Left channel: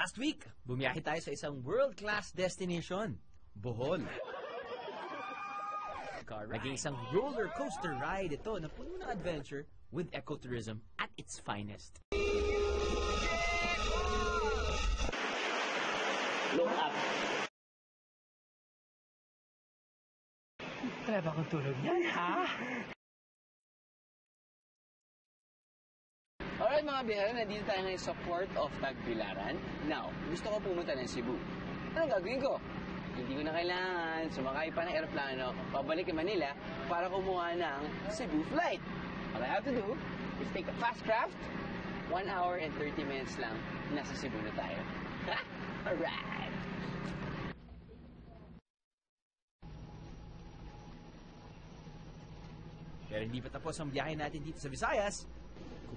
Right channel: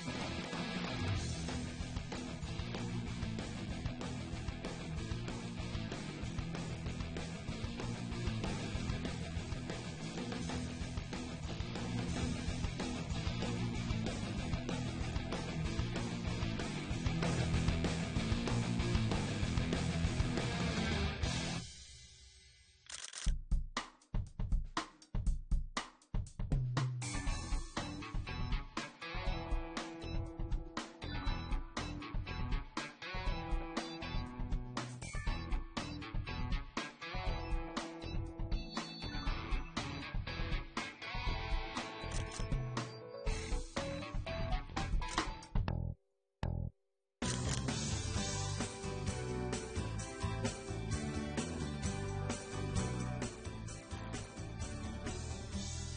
Last week, bumiyahe tayo sa isang world-class destination, Bohol. Naging isang roller coaster ride ito ng pure adventure with ecotourism at its finest. Kaya ba matulog yan, ha? Alright mga bihara, nandito tayo na sa Port of Tagbilaran. Now, gusto ko pumunta ng Cebu. Anong gagawin ko? Hindi ko na kailangan sumakay pa ng aeroplano pabalik kay Manila para kumuha ng Cebu flight. All I have to do is take a fast craft. 1 hour and 30 minutes lang. Nasa Cebu na tayo. Alright! Pero hindi pa tapos ang biyahe natin dito sa Visayas.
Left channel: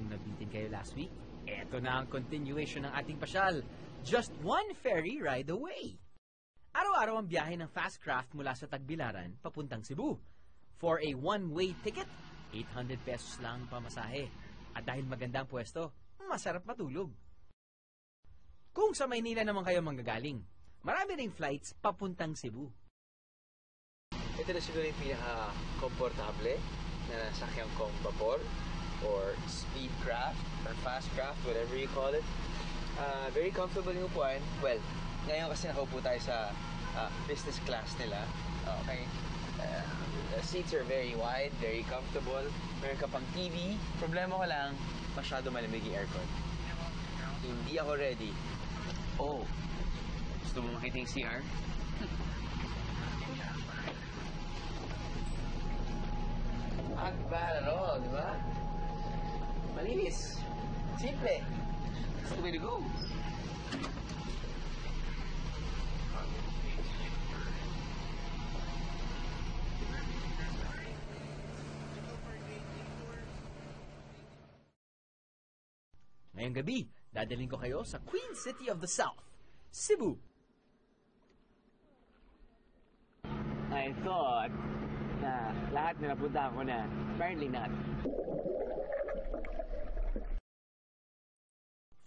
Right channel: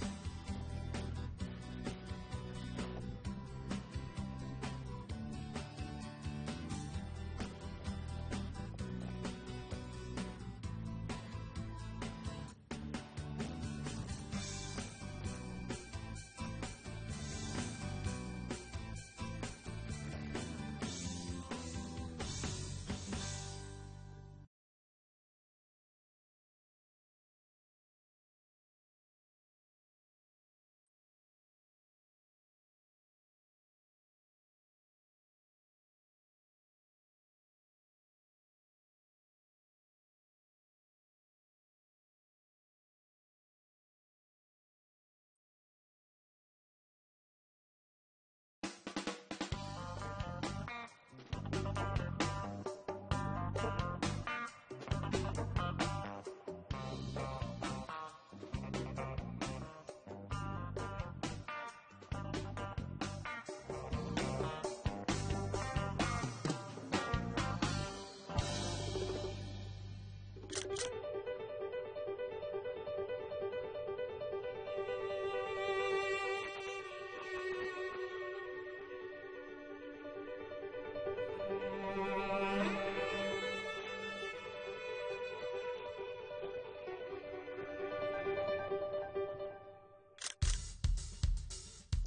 Kung nabitin kayo last week, eto na ang continuation ng ating pasyal. Just one ferry ride away. Araw-araw ang biyahe ng fast craft mula sa Tagbilaran papuntang Cebu. For a one-way ticket, 800 pesos lang ang pamasahe. At dahil magandang pwesto, masarap matulog. Kung sa Maynila naman kayo manggagaling, marami ring flights papuntang Cebu. Ito na siguro yung pinaka-komportable na sakyang kong vapor or speed craft or fast craft, whatever you call it. Very comfortable yung upuan. Well, ngayon kasi nakaupo tayo sa business class nila. Okay. The seats are very wide, very comfortable. Meron ka pang TV. Problema ko lang, masyado malamig yung aircon. Hindi ako ready. Oh, gusto mo makita yung CR? Diba? Diba? Malinis. Simple. That's the way to go. Ngayong gabi, dadalhin ko kayo sa Queen City of the South, Cebu. I thought na lahat na napunta ko na. Apparently not.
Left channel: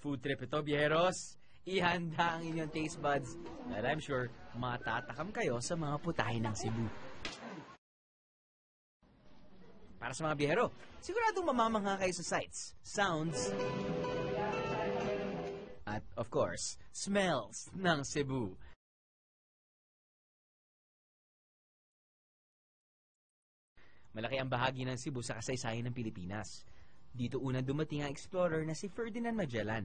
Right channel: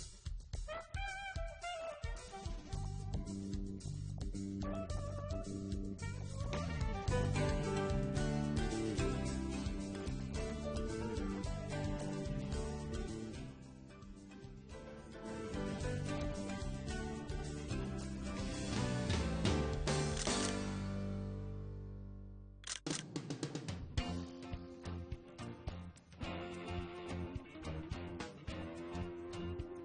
Food trip ito, biyeros. Ihanda ang inyong taste buds and I'm sure matatakam kayo sa mga putahe ng Cebu. Para sa mga biyero, siguradong mamamangha kayo sa sights, sounds, at of course, smells ng Cebu. Malaki ang bahagi ng Cebu sa kasaysayan ng Pilipinas. Dito unang dumating ang explorer na si Ferdinand Magellan.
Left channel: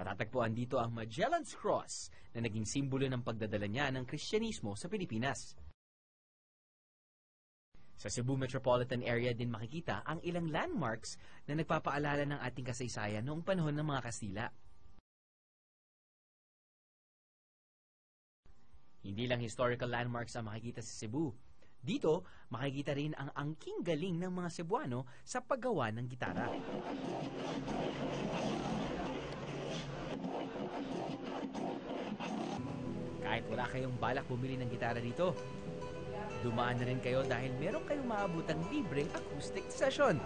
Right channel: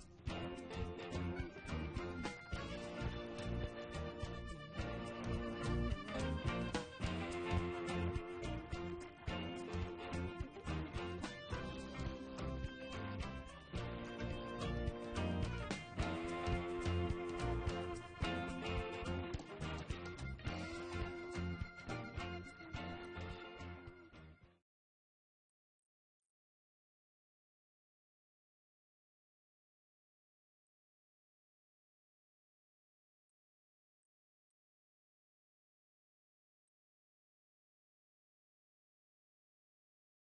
Matatagpuan dito ang Magellan's Cross na naging simbolo ng pagdadala niya ng Kristyanismo sa Pilipinas. Sa Cebu Metropolitan Area din makikita ang ilang landmarks na nagpapaalala ng ating kasaysayan noong panahon ng mga Kastila. Hindi lang historical landmarks ang makikita sa Cebu. Dito, makikita rin ang angking galing ng mga Cebuano sa paggawa ng gitara. Kahit wala kayong balak bumili ng gitara dito, dumaan na rin kayo dahil meron kayong maabutang libreng acoustic session.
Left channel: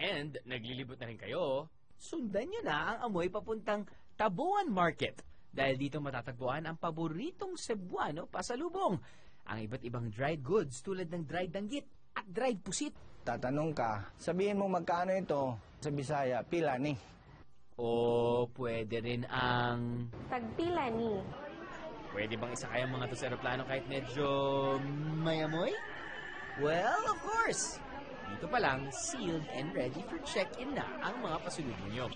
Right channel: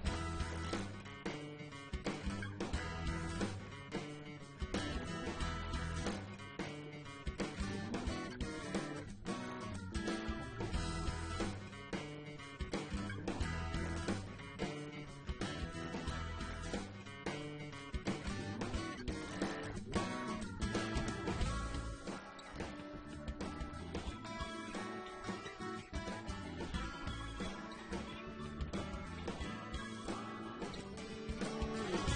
And naglilibot na rin kayo, sundan nyo na ang amoy papuntang Tabuan Market dahil dito matatagpuan ang paboritong Cebuano pasalubong. Ang iba't ibang dried goods tulad ng dried danggit at dried pusit. Tatanong ka, sabihin mo magkano ito sa Bisaya, pila ni? O pwede rin ang... Tagpila ni. Pwede bang isakay ang mga to sa aeroplano kahit medyo may amoy? Well, of course! Dito pa lang, sealed and ready to check-in na ang mga pasulubong nyo.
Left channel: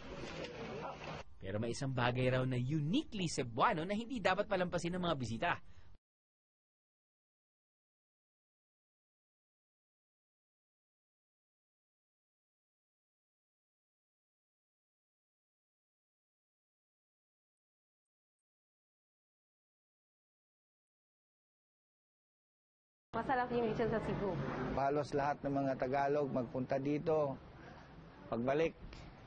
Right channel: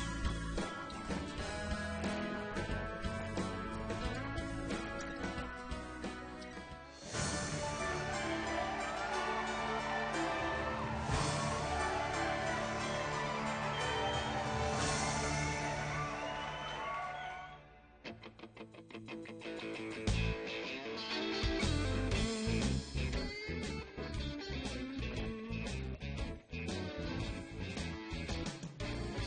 Pero may isang bagay raw na uniquely Cebuano na hindi dapat palampasin ng mga bisita. Masarap yung isang sa Cebu. Halos lahat ng mga Tagalog magpunta dito. Pagbalik,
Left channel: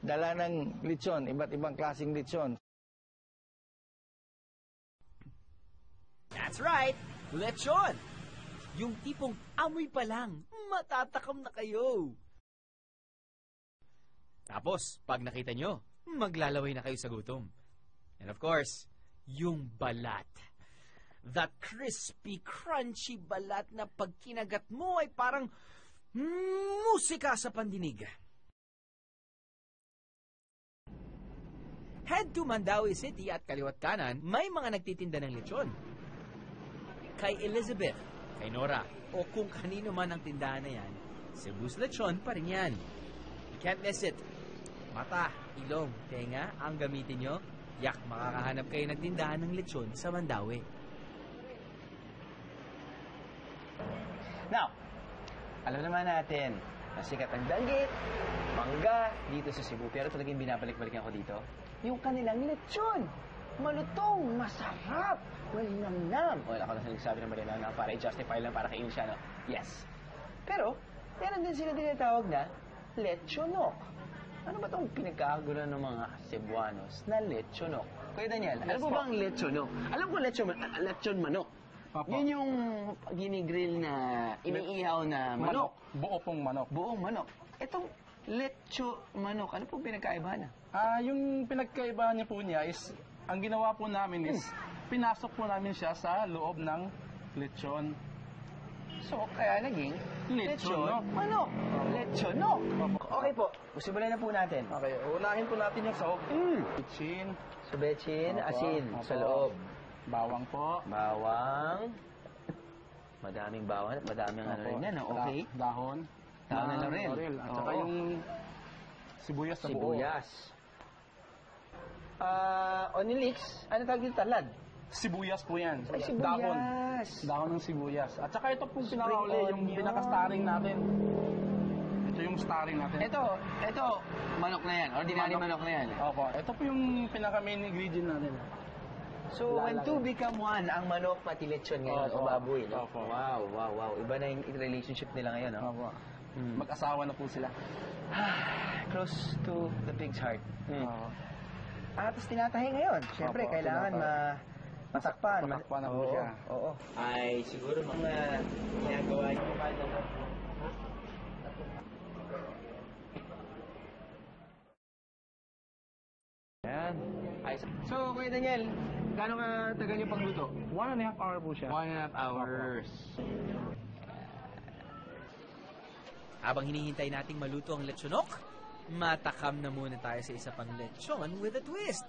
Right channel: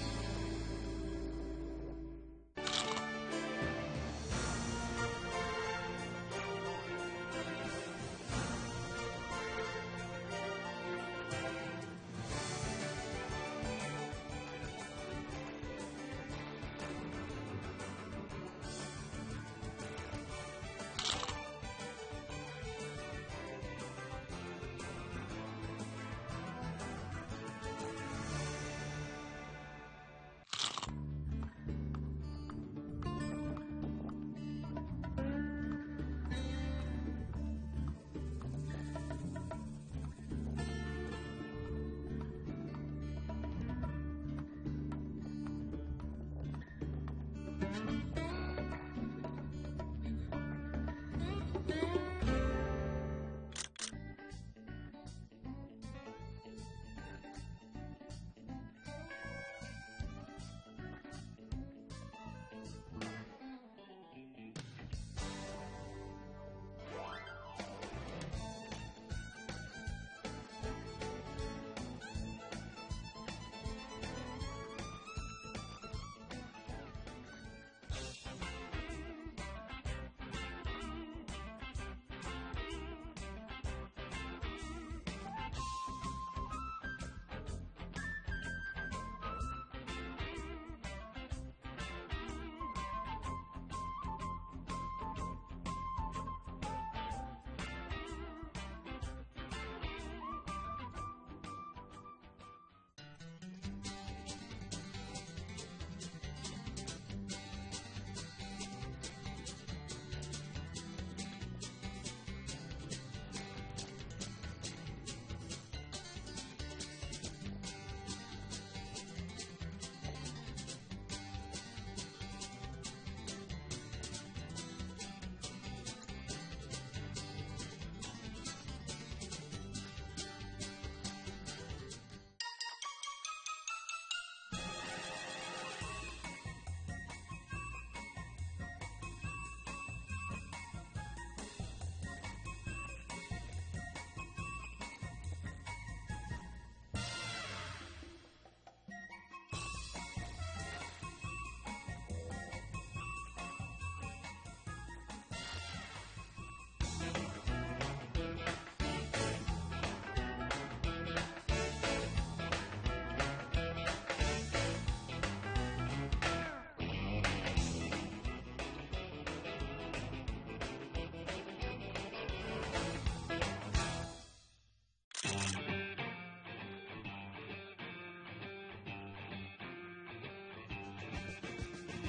dala ng lechon, iba't ibang klaseng lechon. That's right! Lechon! Yung tipong amoy pa lang, matatakam na kayo. Tapos, pag nakita nyo, maglalaway na kayo sa gutom. And of course, yung balat. That crispy, crunchy balat na pag kinagat mo ay parang musika sa pandinig. Head to Mandaue City at kaliwat kanan, may mga nagtitinda ng lechon. Kay Elizabeth, kay Nora, o kung kanino man ang tindahan na yan, Cebu's lechon pa rin yan. Can't miss it. Mata, ilong, tenga, ang gamitin nyo, yak, makakahanap kayo ng tindahan ng lechon sa Mandaue. Now, alam naman natin, sikat ang danggit, mangga, dito sa Cebu. Pero talagang binabalik-balikan ko dito, yung kanilang lechon. Malutong, masarap, malinamnam. O, ako na nagsabi ng malinamnam para i-justify lang para kainin siya, no? Yes. Pero, meron din sila tinatawag na lechonok. Ano ba itong pinagkakagulo ng mga Cebuanos na lechonok? Kuya Daniel, ano ba ang lechonok? Alam ko lechon manok. Papa. Yun yung ginigrill na iniihaw na manok. Buo pong manok. Buong manok. Itong lecho manok, ano pong pinagkaiba niya? Yung pinagkaiba niya po niya is, ang ginawa po namin is, pinasok po namin siya sa loob ng lechon. So, kaya naging Lechonok. manok. Lechonok. Okay po, simulan na po natin. Okay, unahin po natin yung sahog. Chin, Subetsin, Opo. asin Opo. sa loob. bawang po. Bawang. Madaming bawang at madaming ano rin yan. Okay. Dahon. Tama na rin. At saka Oo. yung sibuyas na buo. Sibuyas. Onion leeks, ano tawag yung talad? Sibuyas po yan. Ay, sibuyas. Dahon. Dahon ng sibuyas. At saka ito pong pinakauli, yung onion. pinaka-starring natin. Ito yung starring natin. Ito, manok na yan. Ordinary manok na yan. Opo, ito po yung pinaka-main ingredient natin. So, when two become one, ang manok pati lechon ngayon Opo. o baboy. No? Opo. Wow. Iba na yung relationship nila ngayon. No? Opo. Mag-asawa na po sila. Close to the pig's heart. Oo. Tapos tinatahi ngayon. Siyempre, Opo, kailangan matakpan. Matakpan ang Oo. biga. Oo. Ay, siguro mga ginagawa niyo pa So, Kuya Daniel, gaano ka tagal yung pagluto? 1.5 hour po siya. 1.5 hour. Habang hinihintay nating maluto ang lechonok, matakam na muna tayo sa isa pang lechon with a twist.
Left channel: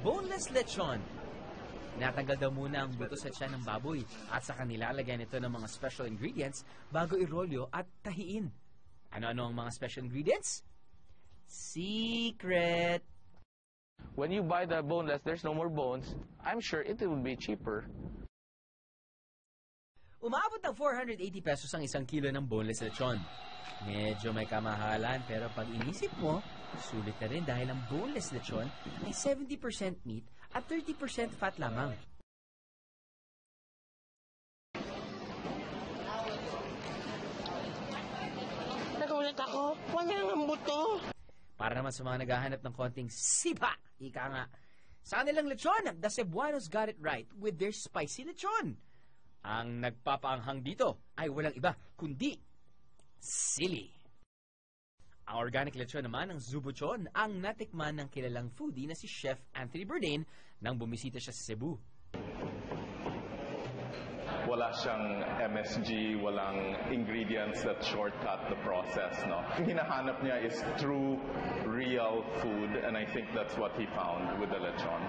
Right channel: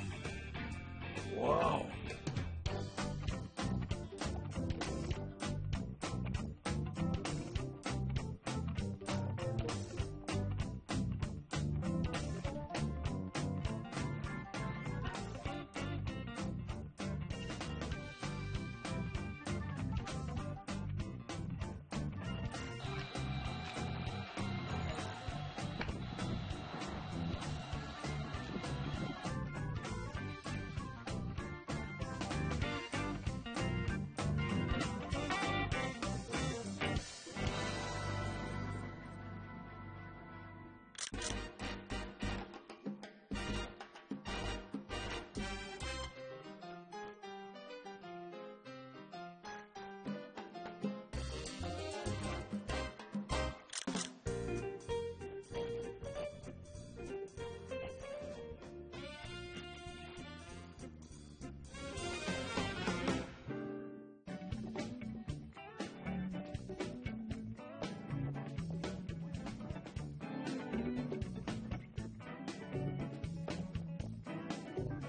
Boneless lechon. Wow! Natanggal daw muna ang buto sa tiyan ng baboy at saka nilalagyan ito ng mga special ingredients bago irolyo at tahiin. Ano ang mga special ingredients? Secret! When you buy the boneless, there's no more bones. I'm sure it will be cheaper. Umabot ng 480 pesos ang isang kilo ng boneless lechon. Medyo may kamahalan pero pag inisip mo, sulit na rin dahil ang boneless lechon ay 70% meat at 30% fat lamang. Nagulat ako. Wala ang buto. Para naman sa mga naghahanap ng konting sipa, ika nga. Sa kanilang lechon, the Cebuanos got it right with their spicy lechon. Ang nagpapaanghang dito ay walang iba kundi sili. Ang organic lechon naman ng Zubuchon ang natikman ng kilalang foodie na si Chef Anthony Bourdain nang bumisita siya sa Cebu. Wala siyang MSG, walang ingredients that shortcut the process, no? Ang hinahanap niya is true, real food, and I think that's what he found with the lechon.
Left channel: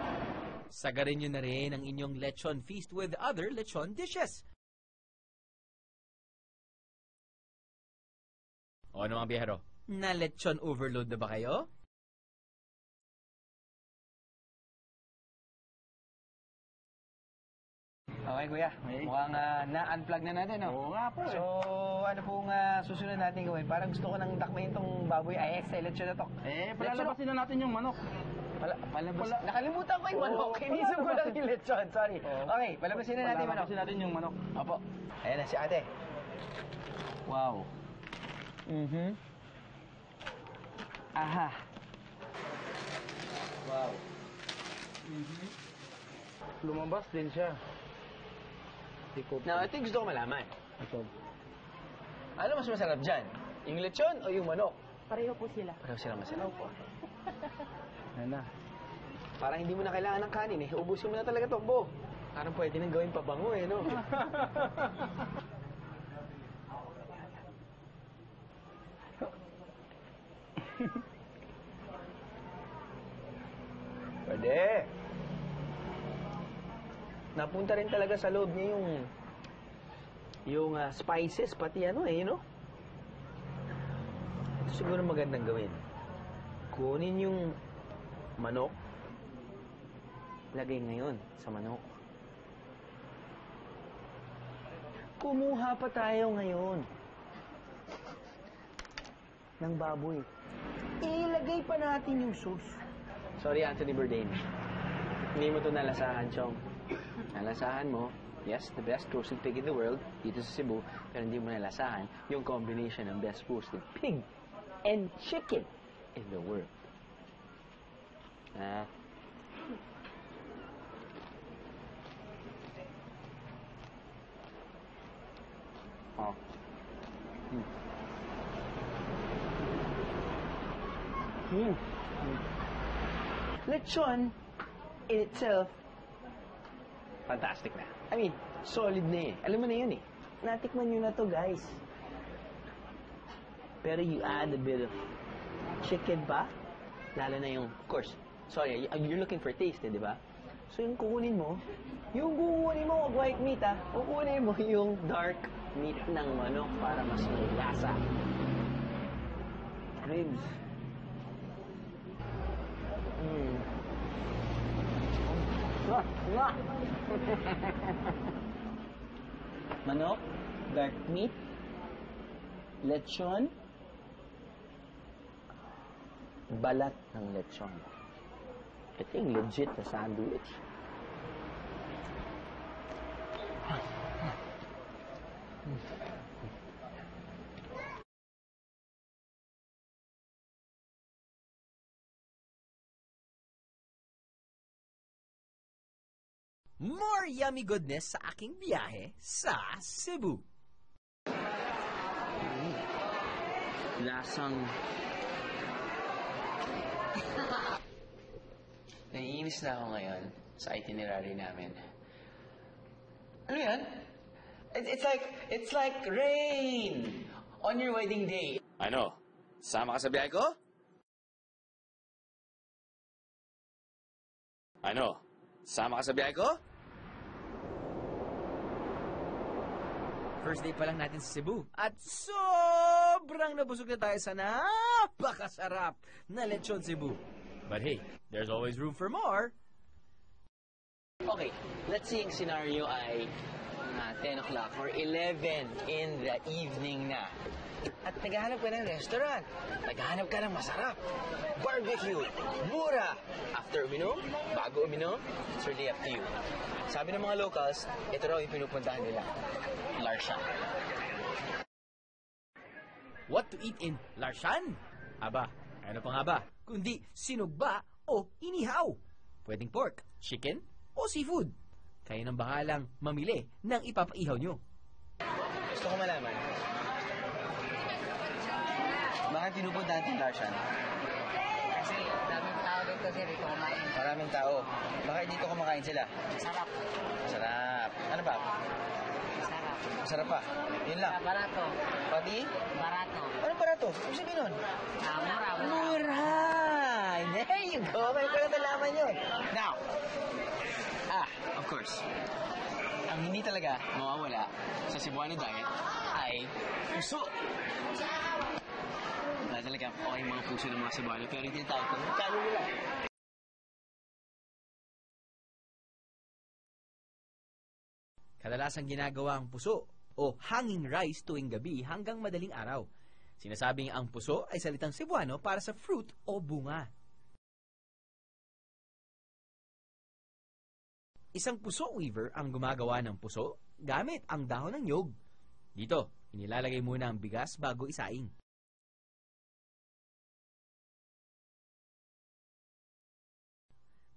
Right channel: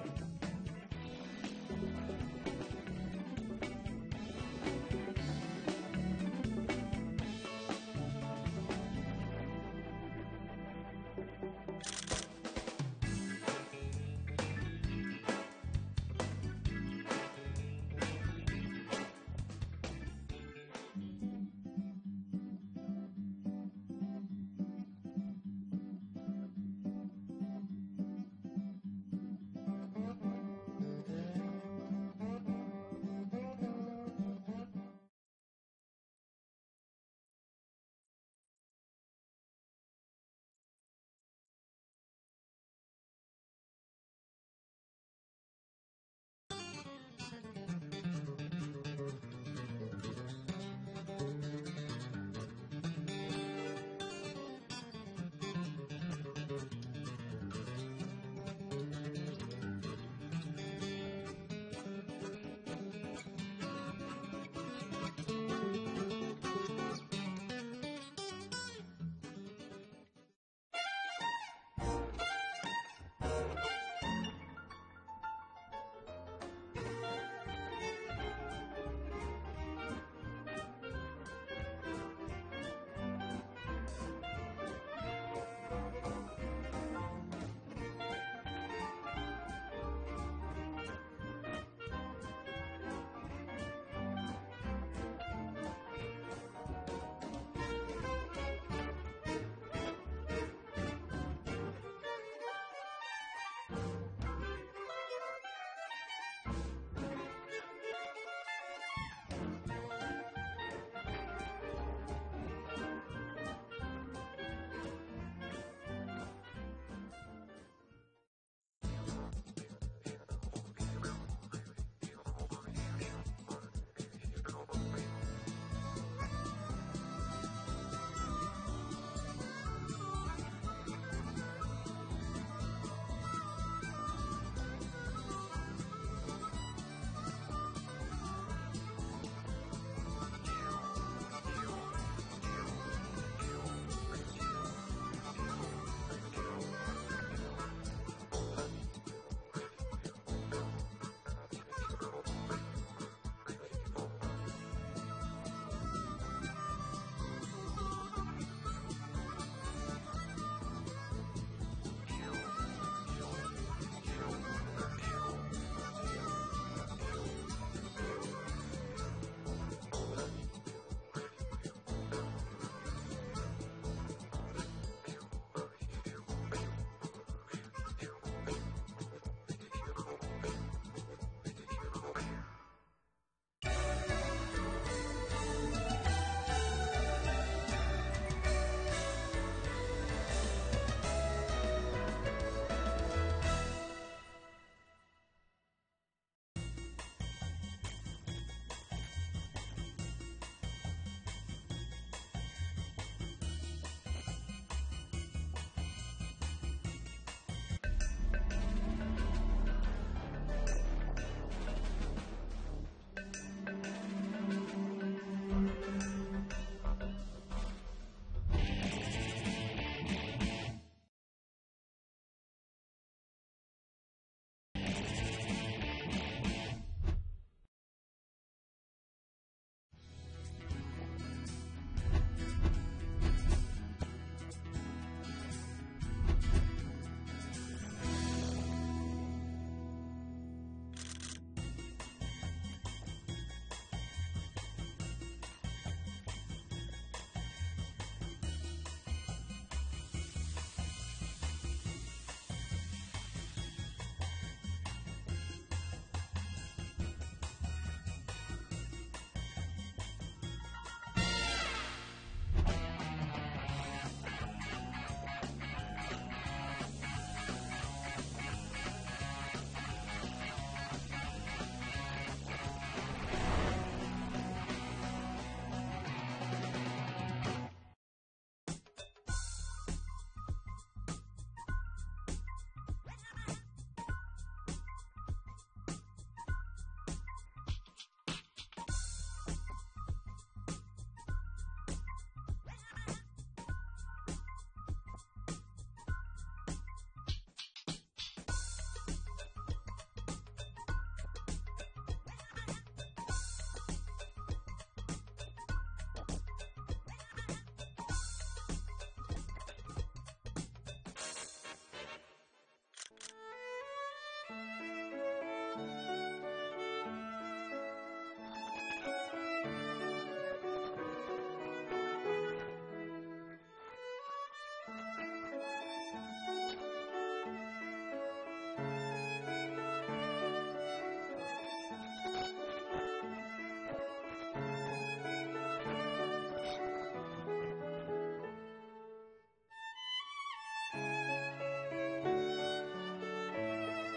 Sagarin nyo na rin ang inyong lechon feast with other lechon dishes. O ano mga biyahero, na lechon overload na ba kayo? Okay, kuya. Mukhang na-unplug na natin, no? Oo nga po. So, ano pong susunod natin gawin? Parang gusto ko nang takmain tong baboy ay excellent siya na to. Palalabasin na natin yung manok. Nakalimutan ko yung manok. Inisip ko lang yung lechon. Sorry. Okay, palabasin na natin yung manok. Palalabasin natin yung manok. Opo. Ayan na si ate. Wow. Aha. Wow. Lumabas din siya. Now, ito yung gusto ko malaman. Ano mas masarap dyan? Yung lechon o yung manok? Pareho po sila. Pareho sila masarap. Opo. Ayun na. Parang hindi mo na kailangan ng kanin eh. Ubusin mo na talaga itong buo. Parang pwede nang gawin pabango eh, no? Pwede. Napunta rin talaga sa loob niya yung spices, pati ano eh, you know? Siguro magandang gawin. Kunin yung manok. Lagay mo yun sa manok. Kumuha pa tayo ngayon ng baboy. Ilagay pa natin yung sauce. Sorry, Anthony Bourdain. Hindi mo ito nalasahan, Chong. Nalasahan mo, yes, the best roasted pig in the world, dito sa Cebu, kaya hindi mo nalasahan yung combination ng best roasted pig and chicken is the word. Oh. Lechon in itself, fantastic na. I mean, solid na eh. Alam mo na yun eh. Natikman nyo na to, guys. Pero you add a bit of chicken pa, lalo na yung, of course, sorry, you're looking for taste eh, di ba? So yung kukunin mo, wag white meat ah, kukunin mo yung dark meat ng manok para mas may lasa. Grilled. Manok, dark meat, lechon, balat ng lechon. Ito yung legit na sandwich. More yummy goodness sa aking biyahe sa Cebu. Lasang... Naiinis na ako ngayon sa itinerary namin. Ano yan? It's like rain on your wedding day. Ano? Sama ka sa biyahe ko? Ano? Sama ka sa biyahe ko? First day pa lang natin sa Cebu. At sobrang nabusog na tayo sa napakasarap na lechon Cebu. But hey, there's always room for more. Okay, let's say yung scenario ay 10 o'clock or 11 in the evening na. At naghahanap ka ng restaurant. Naghahanap ka ng masarap. Barbecue. Mura. After uminom, bago uminom, it's really up to you. Sabi ng mga locals, ito raw yung pinupuntahan nila. Larshan. What to eat in Larshan? Aba, ano pa nga ba? Hindi sinugba o inihaw. Pwedeng pork, chicken, o seafood. Kayo nang bahalang mamili ng ipapaihaw nyo. Gusto ko malaman. Bakit pinupuntahan natin Larshan? Kasi daming tao dito sir, kumain. Maraming tao. Bakit dito kumakain sila? Sarap. Sarap. Ano pa? Sarap. Masarap pa. Yun lang. Barato. Pati? Barato. Ano barato? Ano sabi nun? Mura. Mura! There you go! May ko na nalaman yun. Now, of course, ang hindi talaga mawawala sa Cebuano diet ay puso. Wala talaga okay mga puso ng mga Cebuano, pero yung tinatawag ko, magkano nila? Kadalasang ginagawa ang puso o hanging rice tuwing gabi hanggang madaling araw. Sinasabing ang puso ay salitang Cebuano para sa fruit o bunga. Isang puso weaver ang gumagawa ng puso gamit ang dahon ng nyog. Dito, nilalagay muna ang bigas bago isaing.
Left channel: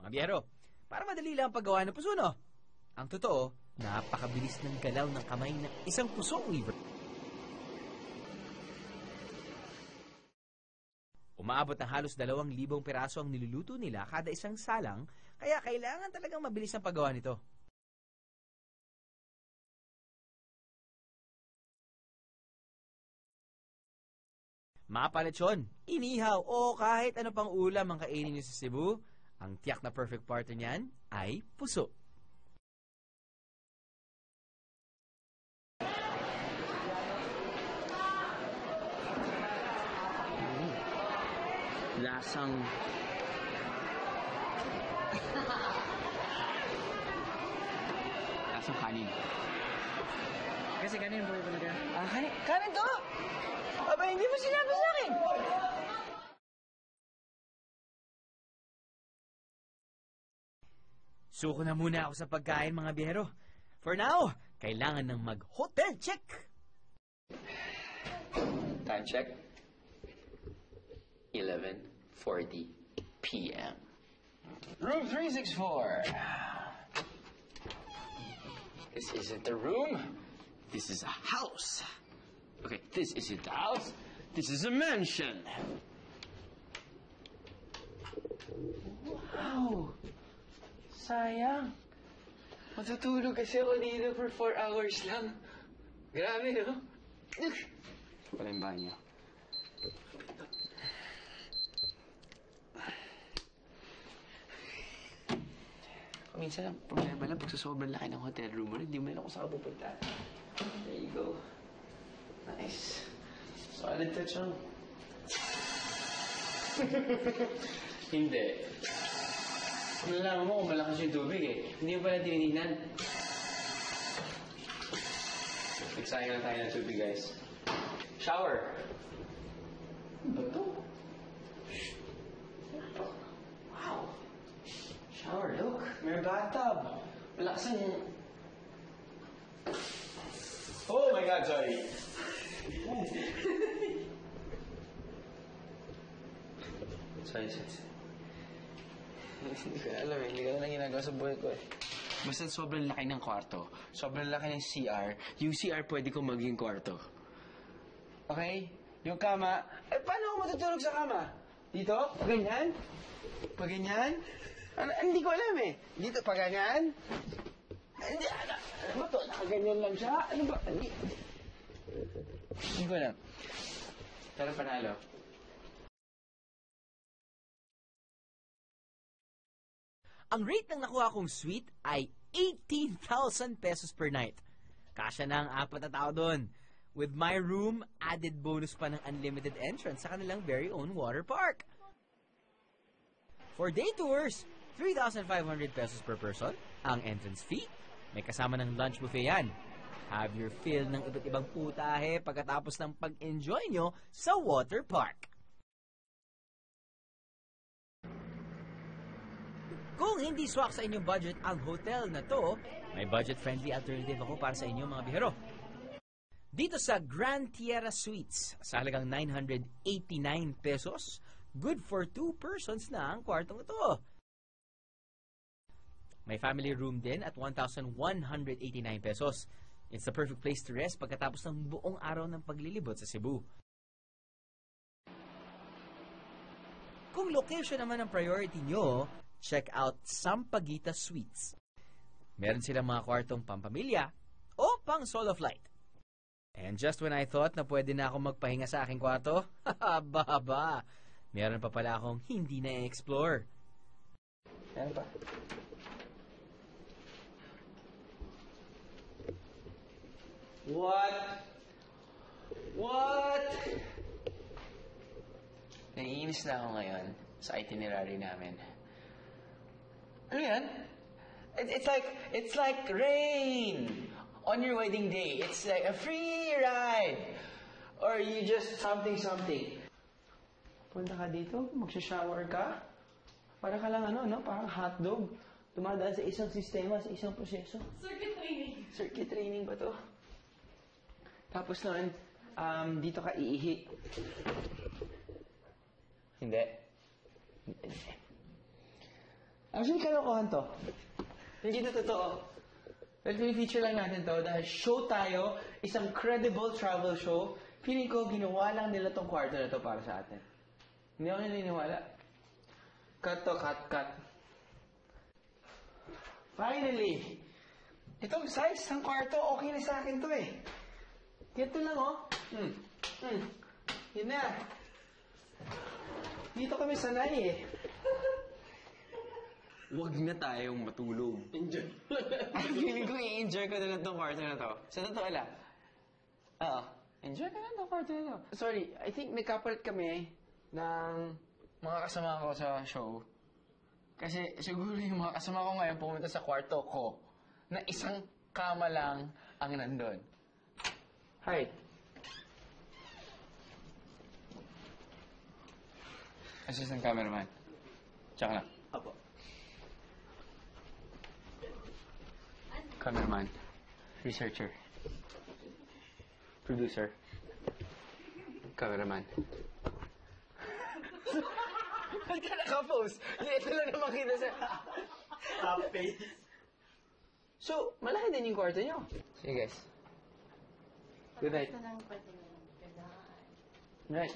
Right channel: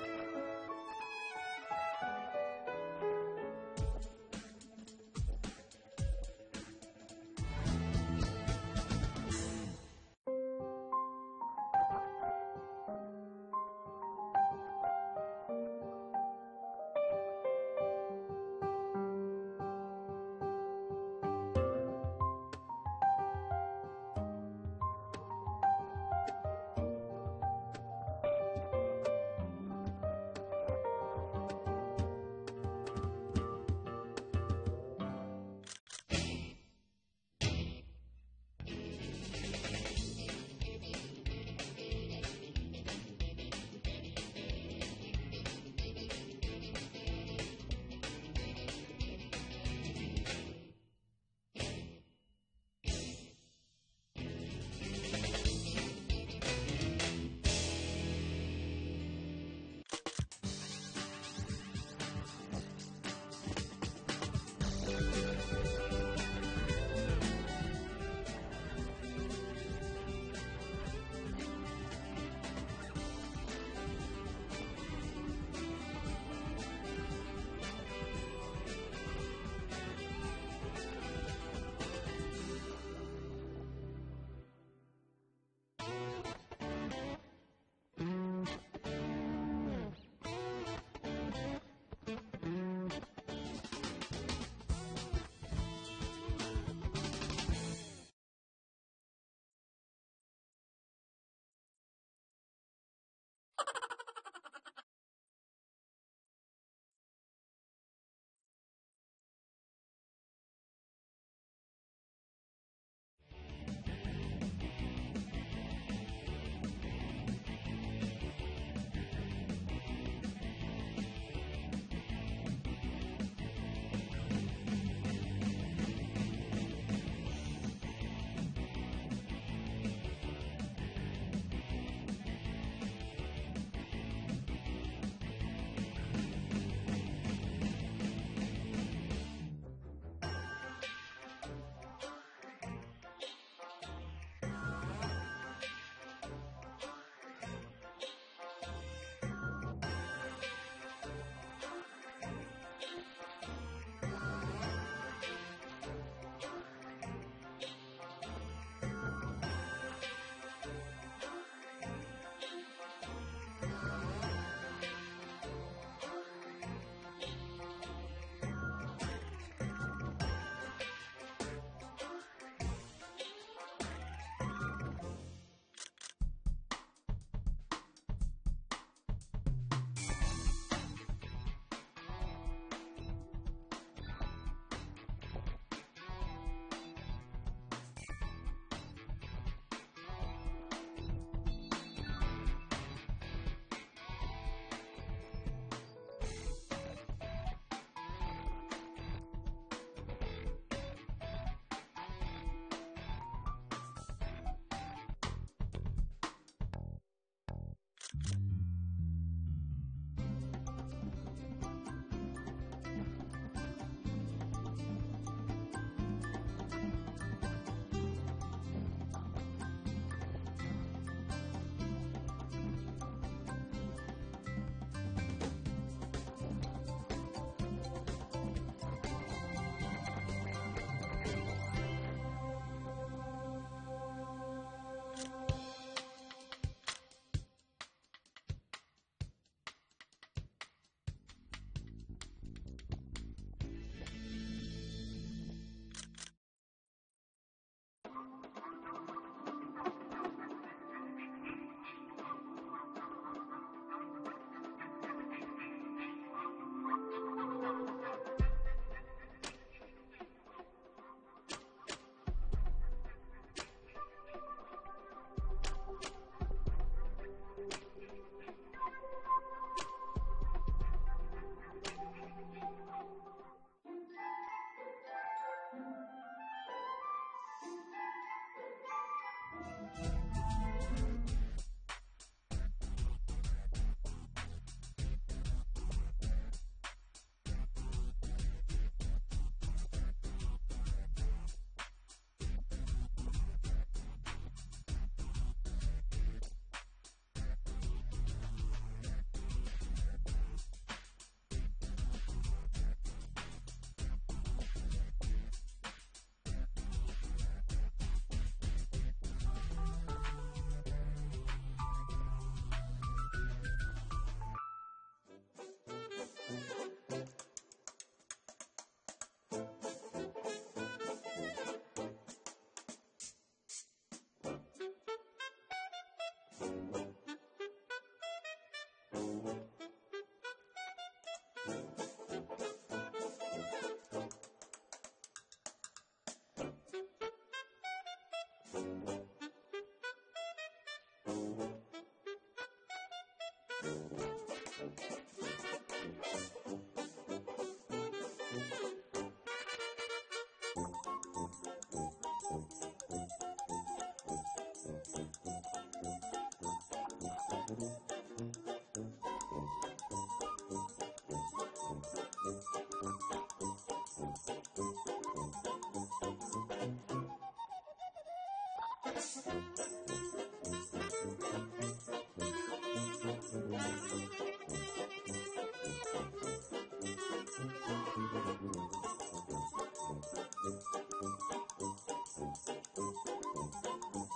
Pambiyero, para madali lang ang paggawa ng puso, no? Ang totoo, napakabilis ng galaw ng kamay ng isang puso weaver. Umaabot ng halos 2,000 piraso ang niluluto nila kada isang salang, kaya kailangan talagang mabilis ang paggawa nito. Mga paletsyon, inihaw o kahit ano pang ulam ang kainin niyo sa Cebu, ang tiyak na perfect partner niyan ay puso. Lasang... Lasang kanin. Kasi kanin po yung talaga. Ah, kanin? Kanin to? Aba, hindi mo sinabi sa akin. Suko na muna ako sa pagkain, mga biyero. For now, kailangan ng mag-hotel check. Time check. 11:40 p.m. Room 364. This isn't the room. This is a house. Okay, this isn't a house. This is a mansion. Wow. Sayang. Matutulog kasi ako dito for 4 hours lang. Grabe, no? Wala yung banyo. Minsan ang problema lang pag sa sobrang laki ng hotel room mo, hindi mo na kung saan ka pupunta. There you go. Nice. Solid touch on. Hindi. Nalaman mo kung malakas yung tubig eh. Hindi mo pala tinitignan. Nagsayang na tayo ng tubig, guys. Shower. Wow. Shower, look. May bathtub. Malakas mo. Oh my God, sorry. Sorry. Alam mo, hindi ko na ginagawa sa buhay ko. Basta sobrang laki ng kwarto, sobrang laki ng CR, yung CR pwede kong maging kwarto. Okay? Yung kama, paano ako matutulog sa kama? Dito? Pag ganyan? Pag ganyan? Hindi ko alam eh. Dito, pag ganyan? Hindi, ano ba ito? Nakaganyan lang siya? Ano ba? Hindi ko alam. Pero panalo. Ang rate na nakuha kong suite ay 18,000 pesos per night. Kasya na ang 4 na tao doon. With my room, added bonus pa ng unlimited entrance sa kanilang very own water park. For day tours, 3,500 pesos per person ang entrance fee. May kasama ng lunch buffet yan. Have your fill ng iba't ibang putahe pagkatapos ng pag-enjoy nyo sa water park. Kung hindi swak sa inyong budget ang hotel na to, may budget-friendly alternative ako para sa inyo, mga bihero. Dito sa Grand Tierra Suites, sa halagang 989 pesos, good for 2 persons na ang kwartong ito. May family room din at 1,189 pesos. It's the perfect place to rest pagkatapos ng buong araw ng paglilibot sa Cebu. Kung location naman ang priority nyo, check out Sampaguita Suites. Meron silang mga kwartong pampamilya o pang solo flight. And just when I thought na pwede na akong magpahinga sa aking kwarto, haba, meron pa pala akong hindi na-explore. Meron pa. What? Naiinis na ako ngayon sa itinerary namin. Ano yan? It's like rain on your wedding day. It's like a free ride. Or you just something. Punta ka dito, mag-shower ka. Para ka lang parang hotdog. Dumadaan sa isang sistema, sa isang proseso. Circuit training ba to? Tapos noon, dito ka iihi. Hindi. Actually, kalokohan to. Hindi to totoo. Pero i-feature lang natin to dahil show tayo, isang credible travel show. Feeling ko, ginawa lang nila tong kwarto na to para sa atin. Hindi ako naniniwala. Cut to, cut. Finally! Itong size ng kwarto, okay na sa akin to eh. Ganito lang oh. Yun na. Dito kami sanay eh. Huwag na tayong matulog. Enjoy. Feeling ko i-enjoy ko na lang itong kwarto na to. Sa totoo lang. Oo. Enjoy na lang itong kwarto na to. Sorry, I think may kapalit kami ng mga kasama ko sa show. Kasi siguro yung mga kasama ko ngayon pumunta sa kwarto ko na isang kama lang ang nandun. Hi. Assistant cameraman. Tsaka na. Abo. Cameraman. Researcher. Producer. Cameraman. Ba't ka naka-post? Ito na lang makita sa... update. So, malaki din yung kwarto nyo. Sige guys. Good night. Night.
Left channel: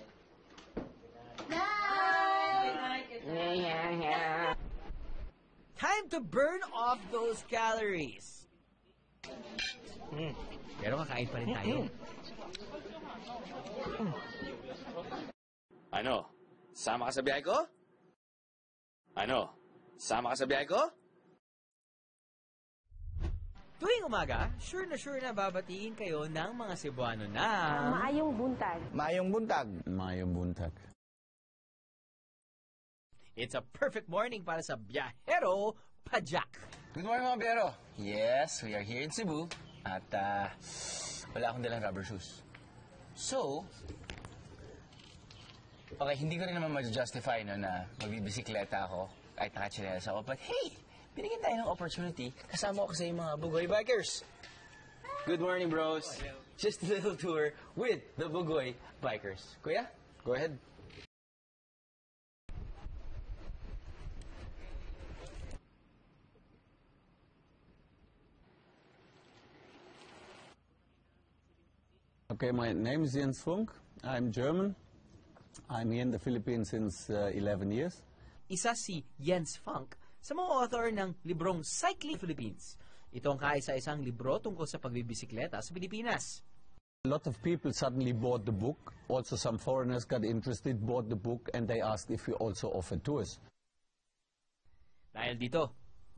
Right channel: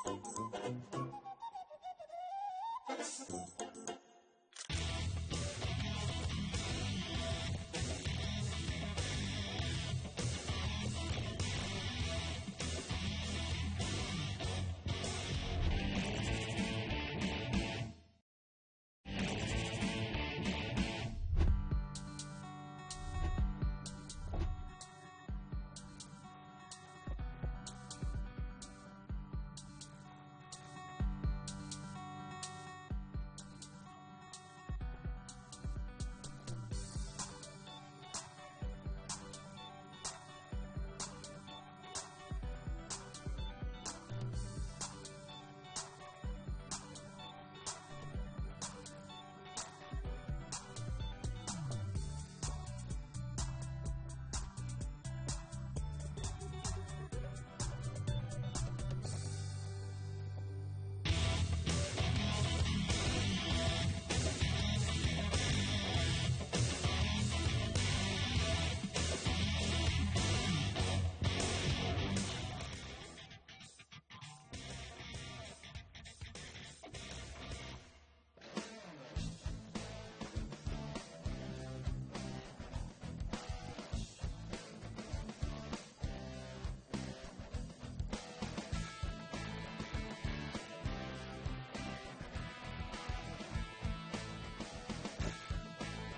Time to burn off those calories. Pero kakain pa rin tayo. Ano? Sama ka sa biyahe ko? Ano? Sama ka sa biyahe ko? Tuwing umaga, sure na babatiin kayo ng mga Cebuano na... Maayong buntag. Mayong buntag. Mayong buntag. It's a perfect morning para sa Biyahero Pajak. Good morning mga biyero. Yes, we are here in Cebu. At wala akong dalang rubber shoes. So, okay, hindi ko rin naman ma-justify no, na magbibisikleta ako kahit nakachinelas ako. But hey, binigyan tayo ng opportunity. Kasama ko kasi yung mga Bugoy Bikers. Good morning, bros. Just a little tour with the Bugoy Bikers. Kuya, go ahead. Okay, my name is Jens Funk. I'm German. I'm here in the Philippines since 11 years. Isa si Jens Funk sa mga author ng librong Cycling Philippines. Ito ang kaisa-isang libro tungkol sa pagbibisikleta sa Pilipinas. A lot of people suddenly bought the book. Also some foreigners got interested, bought the book, and they asked if we also offer tours. Dahil dito,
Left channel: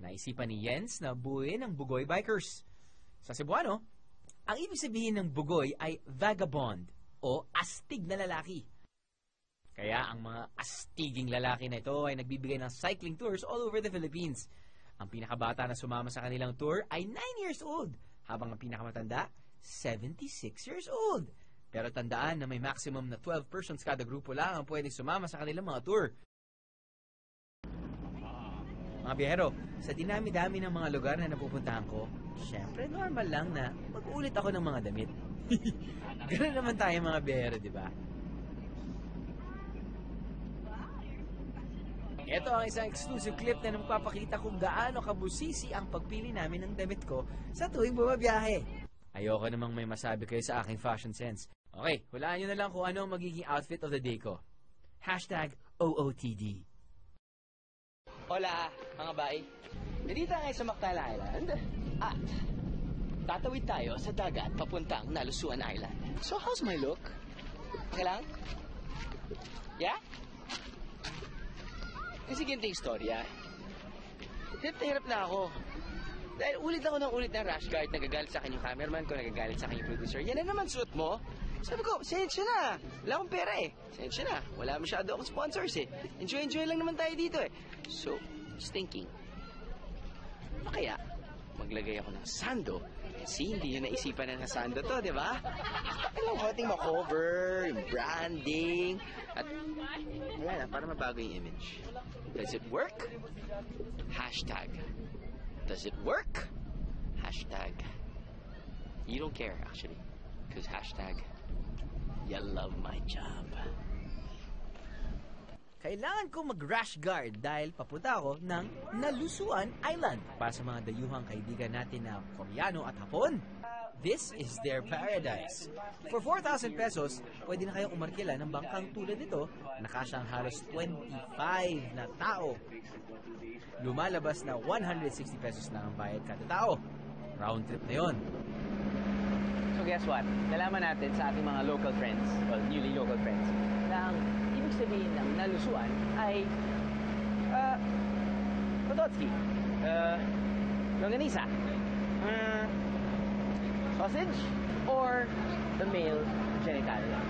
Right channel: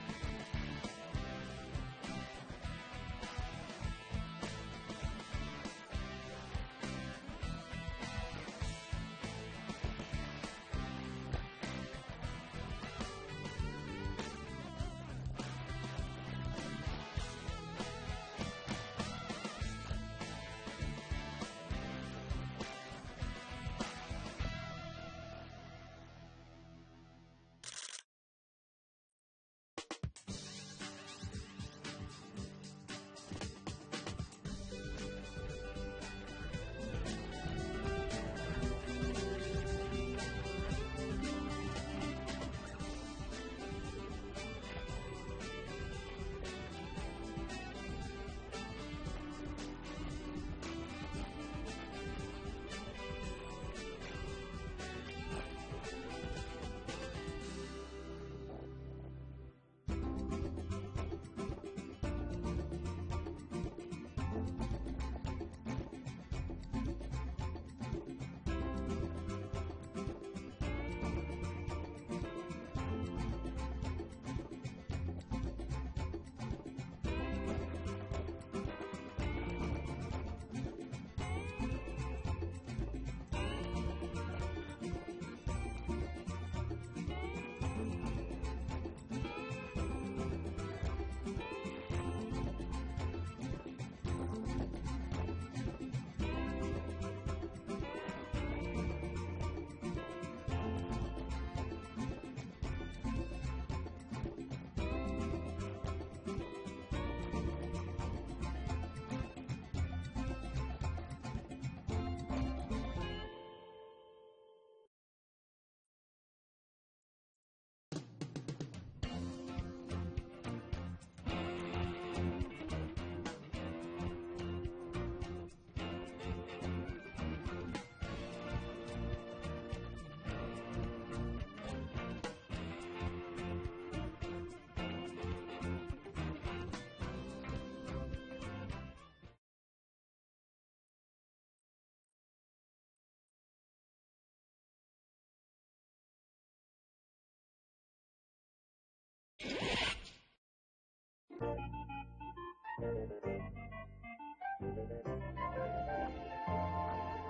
naisipan ni Jens na buuin ang Bugoy Bikers. Sa Cebuano, ang ibig sabihin ng bugoy ay vagabond o astig na lalaki. Kaya ang mga astiging lalaki na ito ay nagbibigay ng cycling tours all over the Philippines. Ang pinakabata na sumama sa kanilang tour ay 9 years old, habang ang pinakamatanda, 76 years old. Pero tandaan na may maximum na 12 persons kada grupo lang ang pwedeng sumama sa kanilang mga tour. Mga biyahero, sa dinami-dami ng mga lugar na napupuntahan ko, syempre normal lang na mag-ulit ako ng mga damit. Ganun naman tayo mga biyahero, di ba? Ito ang isang exclusive clip na nagpapakita kung gaano kabusisi ang pagpili namin ng damit ko sa tuwing bumabiyahe. Ayoko namang may masabi kayo sa aking fashion sense. Okay, walaan nyo na lang kung ano ang magiging outfit of the day ko. #OOTD. Hola, mga bay. Nandito ngayon sa Mactala Island. At tatawid tayo sa dagat papuntang Nalusuan Island. So, how's my look? Okay lang? Yeah? Kasi ganito yung storya. Hirap na ako. Dahil ulit ako ng rash guard. Nagagalit sa akin yung cameraman ko, nagagalit sa akin yung producer. Yan na naman suit mo. Sabi ko, sensya na. Wala akong pera eh. Sensya na. Wala masyado akong sponsors eh. Enjoy lang naman tayo dito eh. So, just thinking. Kaya, maglagay ako ng sando. Kasi hindi nyo naisipan na sando to, di ba? Ano yung ating ma-cover, yung branding, at yan, para mabago yung image. Does it work? Hashtag. Does it work? Hashtag. You don't care, actually. Because hashtag, you love my job. kailangan ko mag-rash guard dahil papunta ako ng Nalusuan Island. Para sa mga dayuhang kaibigan natin na Koreano at Hapon, this is their paradise. For 4,000 pesos, pwede na kayong umarkila ng bangkang tulad nito na kasyang halos 25 na tao. Lumalabas na 160 pesos na ang bayad kada tao. Round trip na yun. So guess what? Nalaman natin sa ating mga local friends, well, newly local friends, na ang ibig sabihin ng nalusuan ay Pototski, longanisa, sausage, or the male genitalia.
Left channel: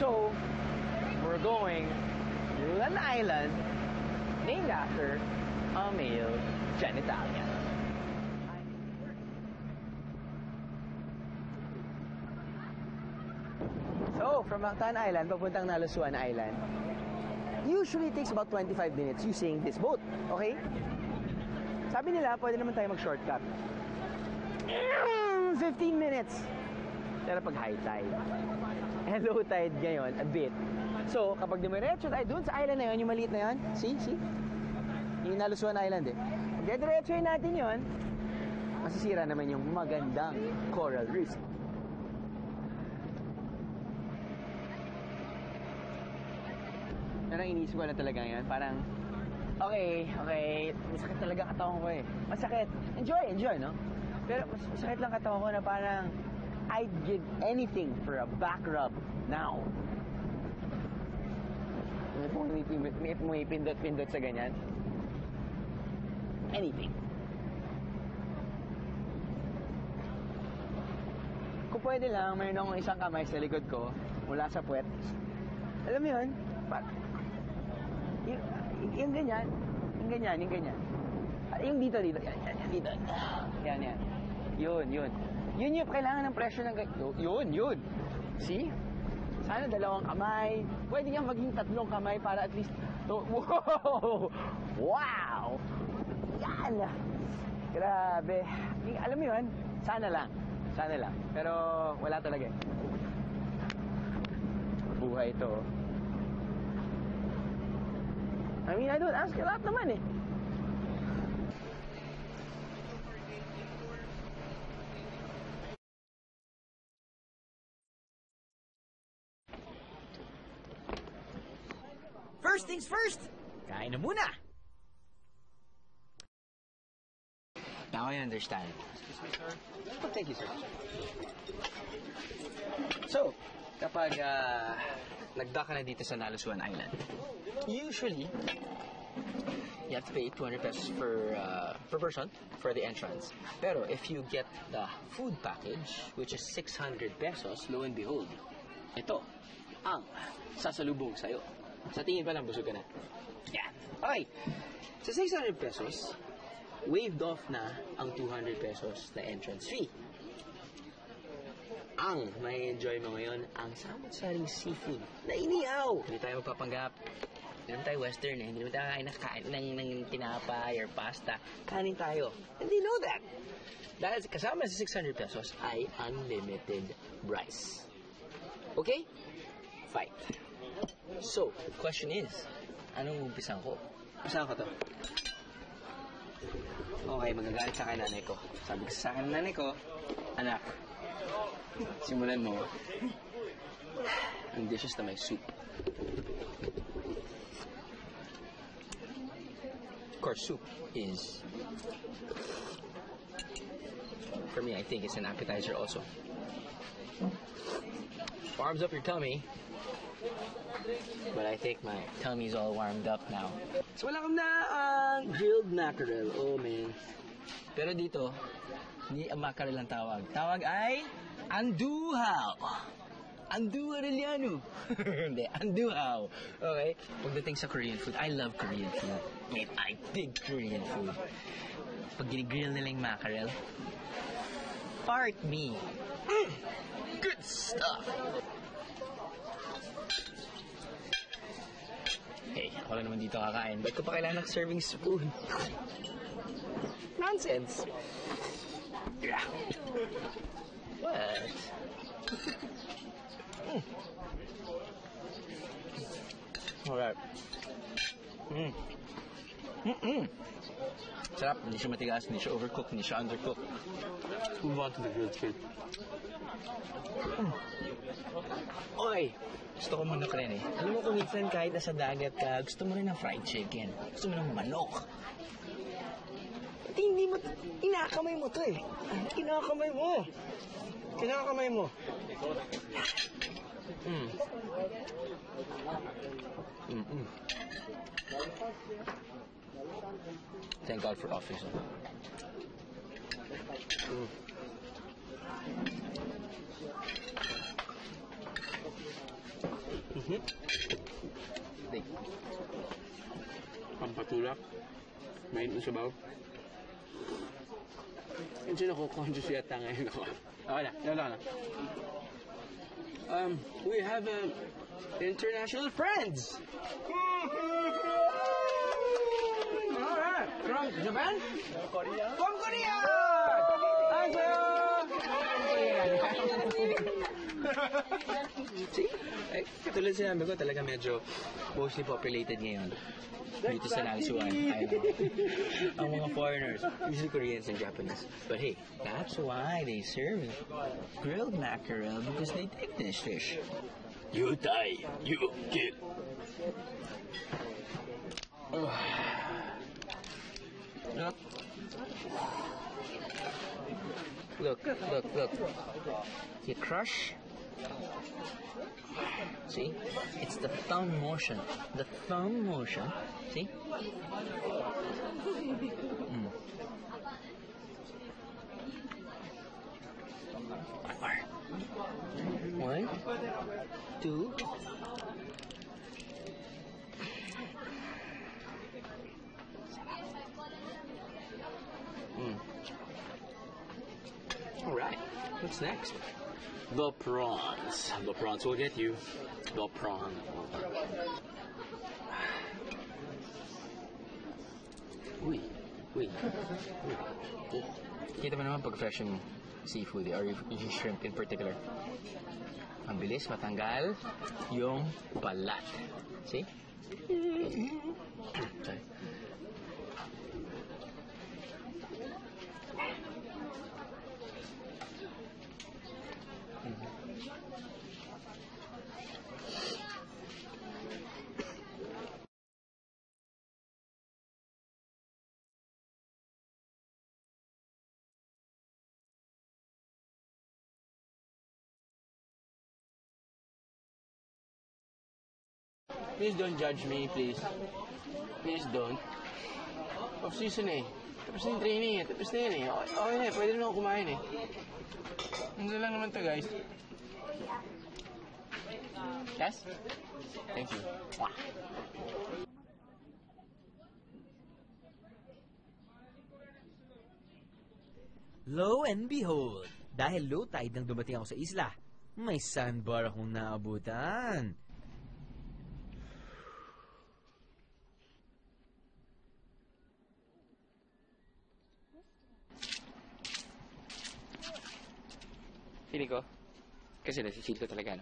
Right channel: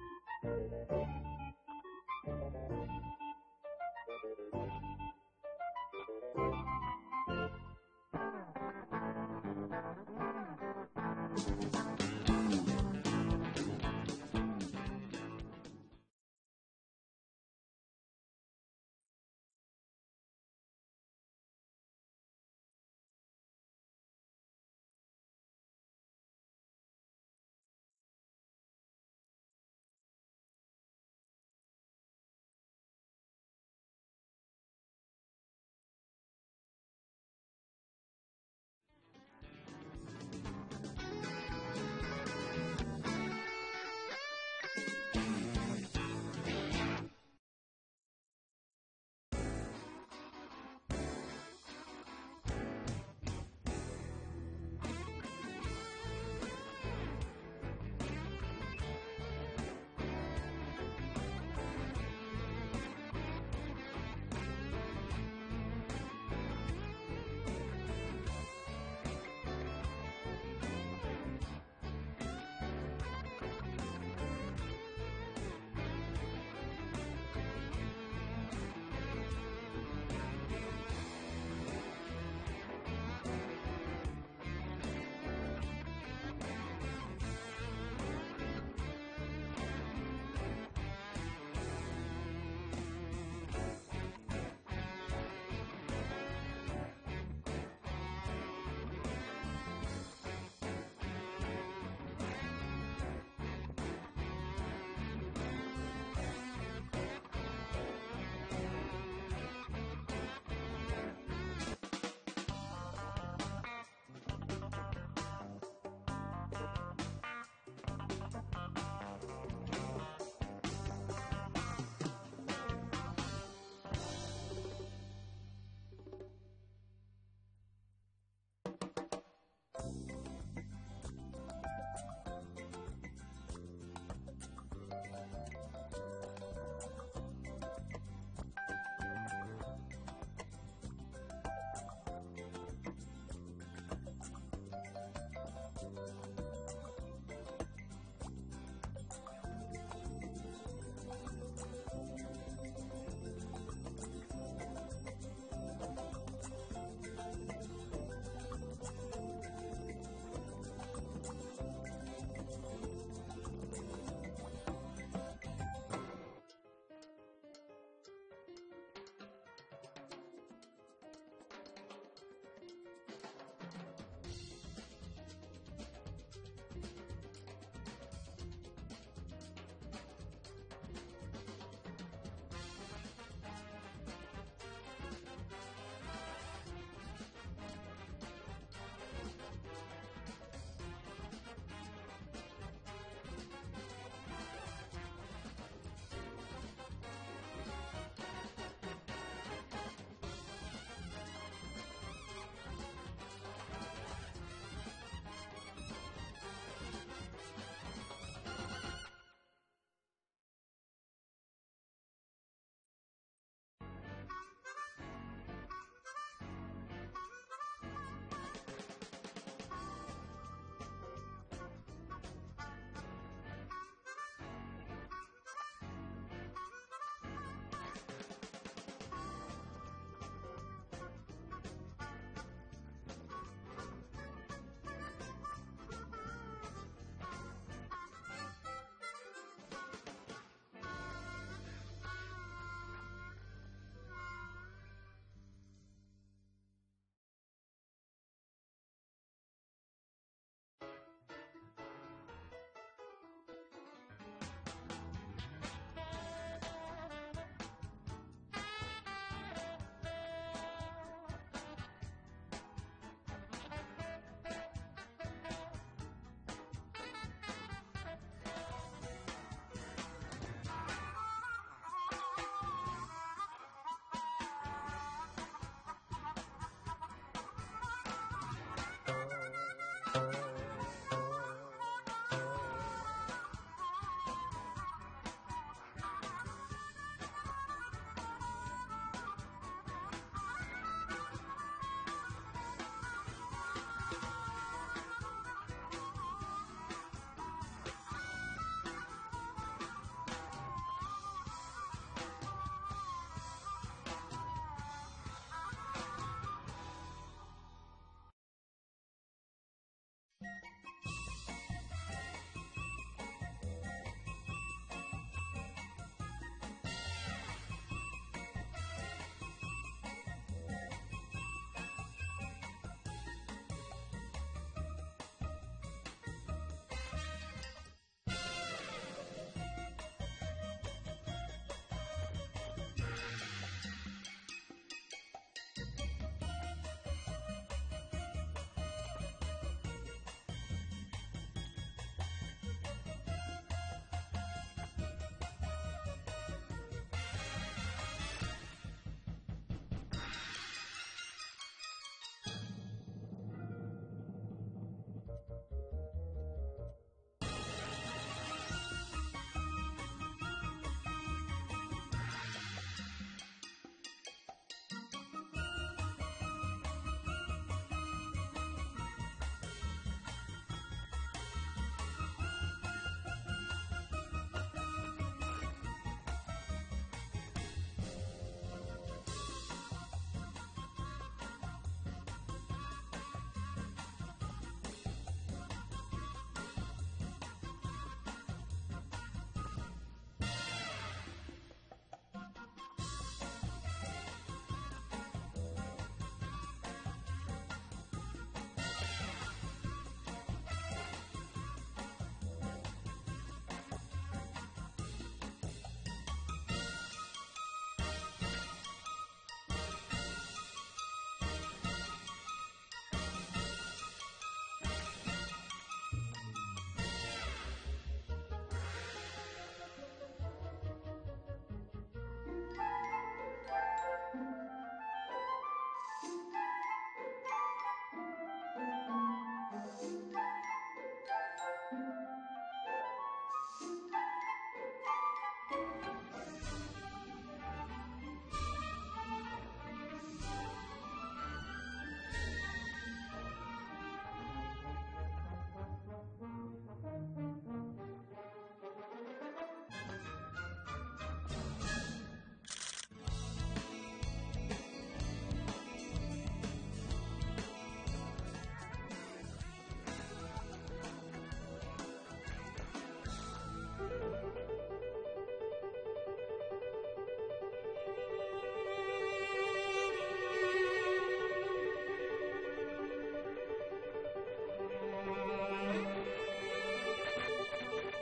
So, we're going to an island named after a male genitalia. So, from Mactan Island, papuntang Nalusuan Island, usually takes about 25 minutes using this boat, okay? Sabi nila, pwede naman tayo mag-shortcut. 15 minutes! Pero pag high tide, and low tide ngayon, a bit. So, kapag dumiretso tayo dun sa island na yun, yung maliit na yun, see? Yung Nalusuan Island eh. Pag diretsoin natin yun, masisira naman yung magandang coral reef. Parang iniisip ko na talaga yan. Parang, okay. Masakit talaga katawan ko eh. Masakit. Enjoy, no? Pero masakit lang katawan ko na parang, I'd give anything for a back rub now. If mo ipindot-pindot sa ganyan. Anything. Kung pwede lang, mayroon akong isang kamay sa likod ko, mula sa puwet. Alam mo yun? Yung ganyan. Yung dito. Dito. Yan. Yun. Yun yung kailangan ng pressure ng gato. Yun. See? Sana dalawang kamay. Pwede kang maging tatlong kamay para at least... Wow! Yan! Grabe. Alam mo yun? Sana lang. Pero wala talaga. Buhay ito. I mean, I don't ask a lot naman eh. First things first, kain na muna! Now I understand. Thank you, sir. So, kapag nag-dock ka na dito sa Nalusuan Island, usually, you have to pay 200 pesos per person for the entrance. Pero if you get the food package, which is 600 pesos, lo and behold, ito ang sasalubong sa'yo. Sa tingin pa lang, busog ka na. Yeah. Okay. Sa 600 pesos, waived off na ang 200 pesos na entrance fee. Ang may enjoy mo ngayon, ang sarap-saring seafood na inihaw. Hindi tayo magpapanggap. Hindi naman tayo western eh. Hindi naman tayo nakain ng tinapay or pasta. Kanin tayo. And they know that. Dahil kasama sa 600 pesos ay unlimited rice. Okay? Fine. So, the question is, anong umpisan ko? Umpisan ko to. Okay, magagalit sa akin nanay ko. Sabi ko sa akin nanay ko, anak, simulan mo yung dishes na may soup. Of course, soup is, for me, I think it's an appetizer also. Warms up your tummy, but I think my tummy's all warmed up now. So wala kang na ang grilled mackerel. Oh, man. Pero dito, hindi ang mackerel ang tawag. Tawag ay anduhaw. Anduhariliano. Hindi, anduhaw. Okay? Pagdating sa Korean food, I love Korean food. Man, I dig Korean food. Pag ginigrill nila yung mackerel, part me. Good stuff. Hey, ako lang naman dito kakain. Ba't ko pa kailangan ng serving spoon? Nonsense. Yeah. What? Masarap, hindi siya matigas, hindi siya overcooked, hindi siya undercooked. Let's move on to the grilled chicken. Okay. Gusto ko manok rin eh. Alam mo kung minsan kahit nasa dagat ka, gusto mo rin ng fried chicken. Gusto mo ng manok. Pati hindi mo, inakamay mo to eh. Inakamay mo. Inakamay mo. Thank God for office. Pampatulak. Main mo sabaw. Hindi na conscious yata ngayon ako. Okay na. We have international friends. Alright. From Japan? From Korea! See? Ay, katulad sinabi ko, talaga medyo mostly populated ngayon. Dito sa Lansuan. Ang mga foreigners, usually Koreans and Japanese. But hey, that's why they serve grilled mackerel, because they take this fish. You die, you kill. Look. You crush. See? It's the thumb motion. The thumb motion. See? One, two. Alright. What's next? The prawns. The prawns will get you. The prawns. Uy. Kita mo naman pag fresh yung seafood or yung shrimp in particular. Ang bilis matanggal yung balat. See? Please don't judge me, please. Please don't. Off-season eh. Tapos na yung training eh. Tapos na yun eh. Okay na eh. Pwede na ako kumain eh. Ano lang naman to, guys. Yes? Thank you. Lo and behold, dahil low tide nang dumating ako sa isla, may sandbar akong naabutan. Pili ko. Kasi nag-cheat ko talaga.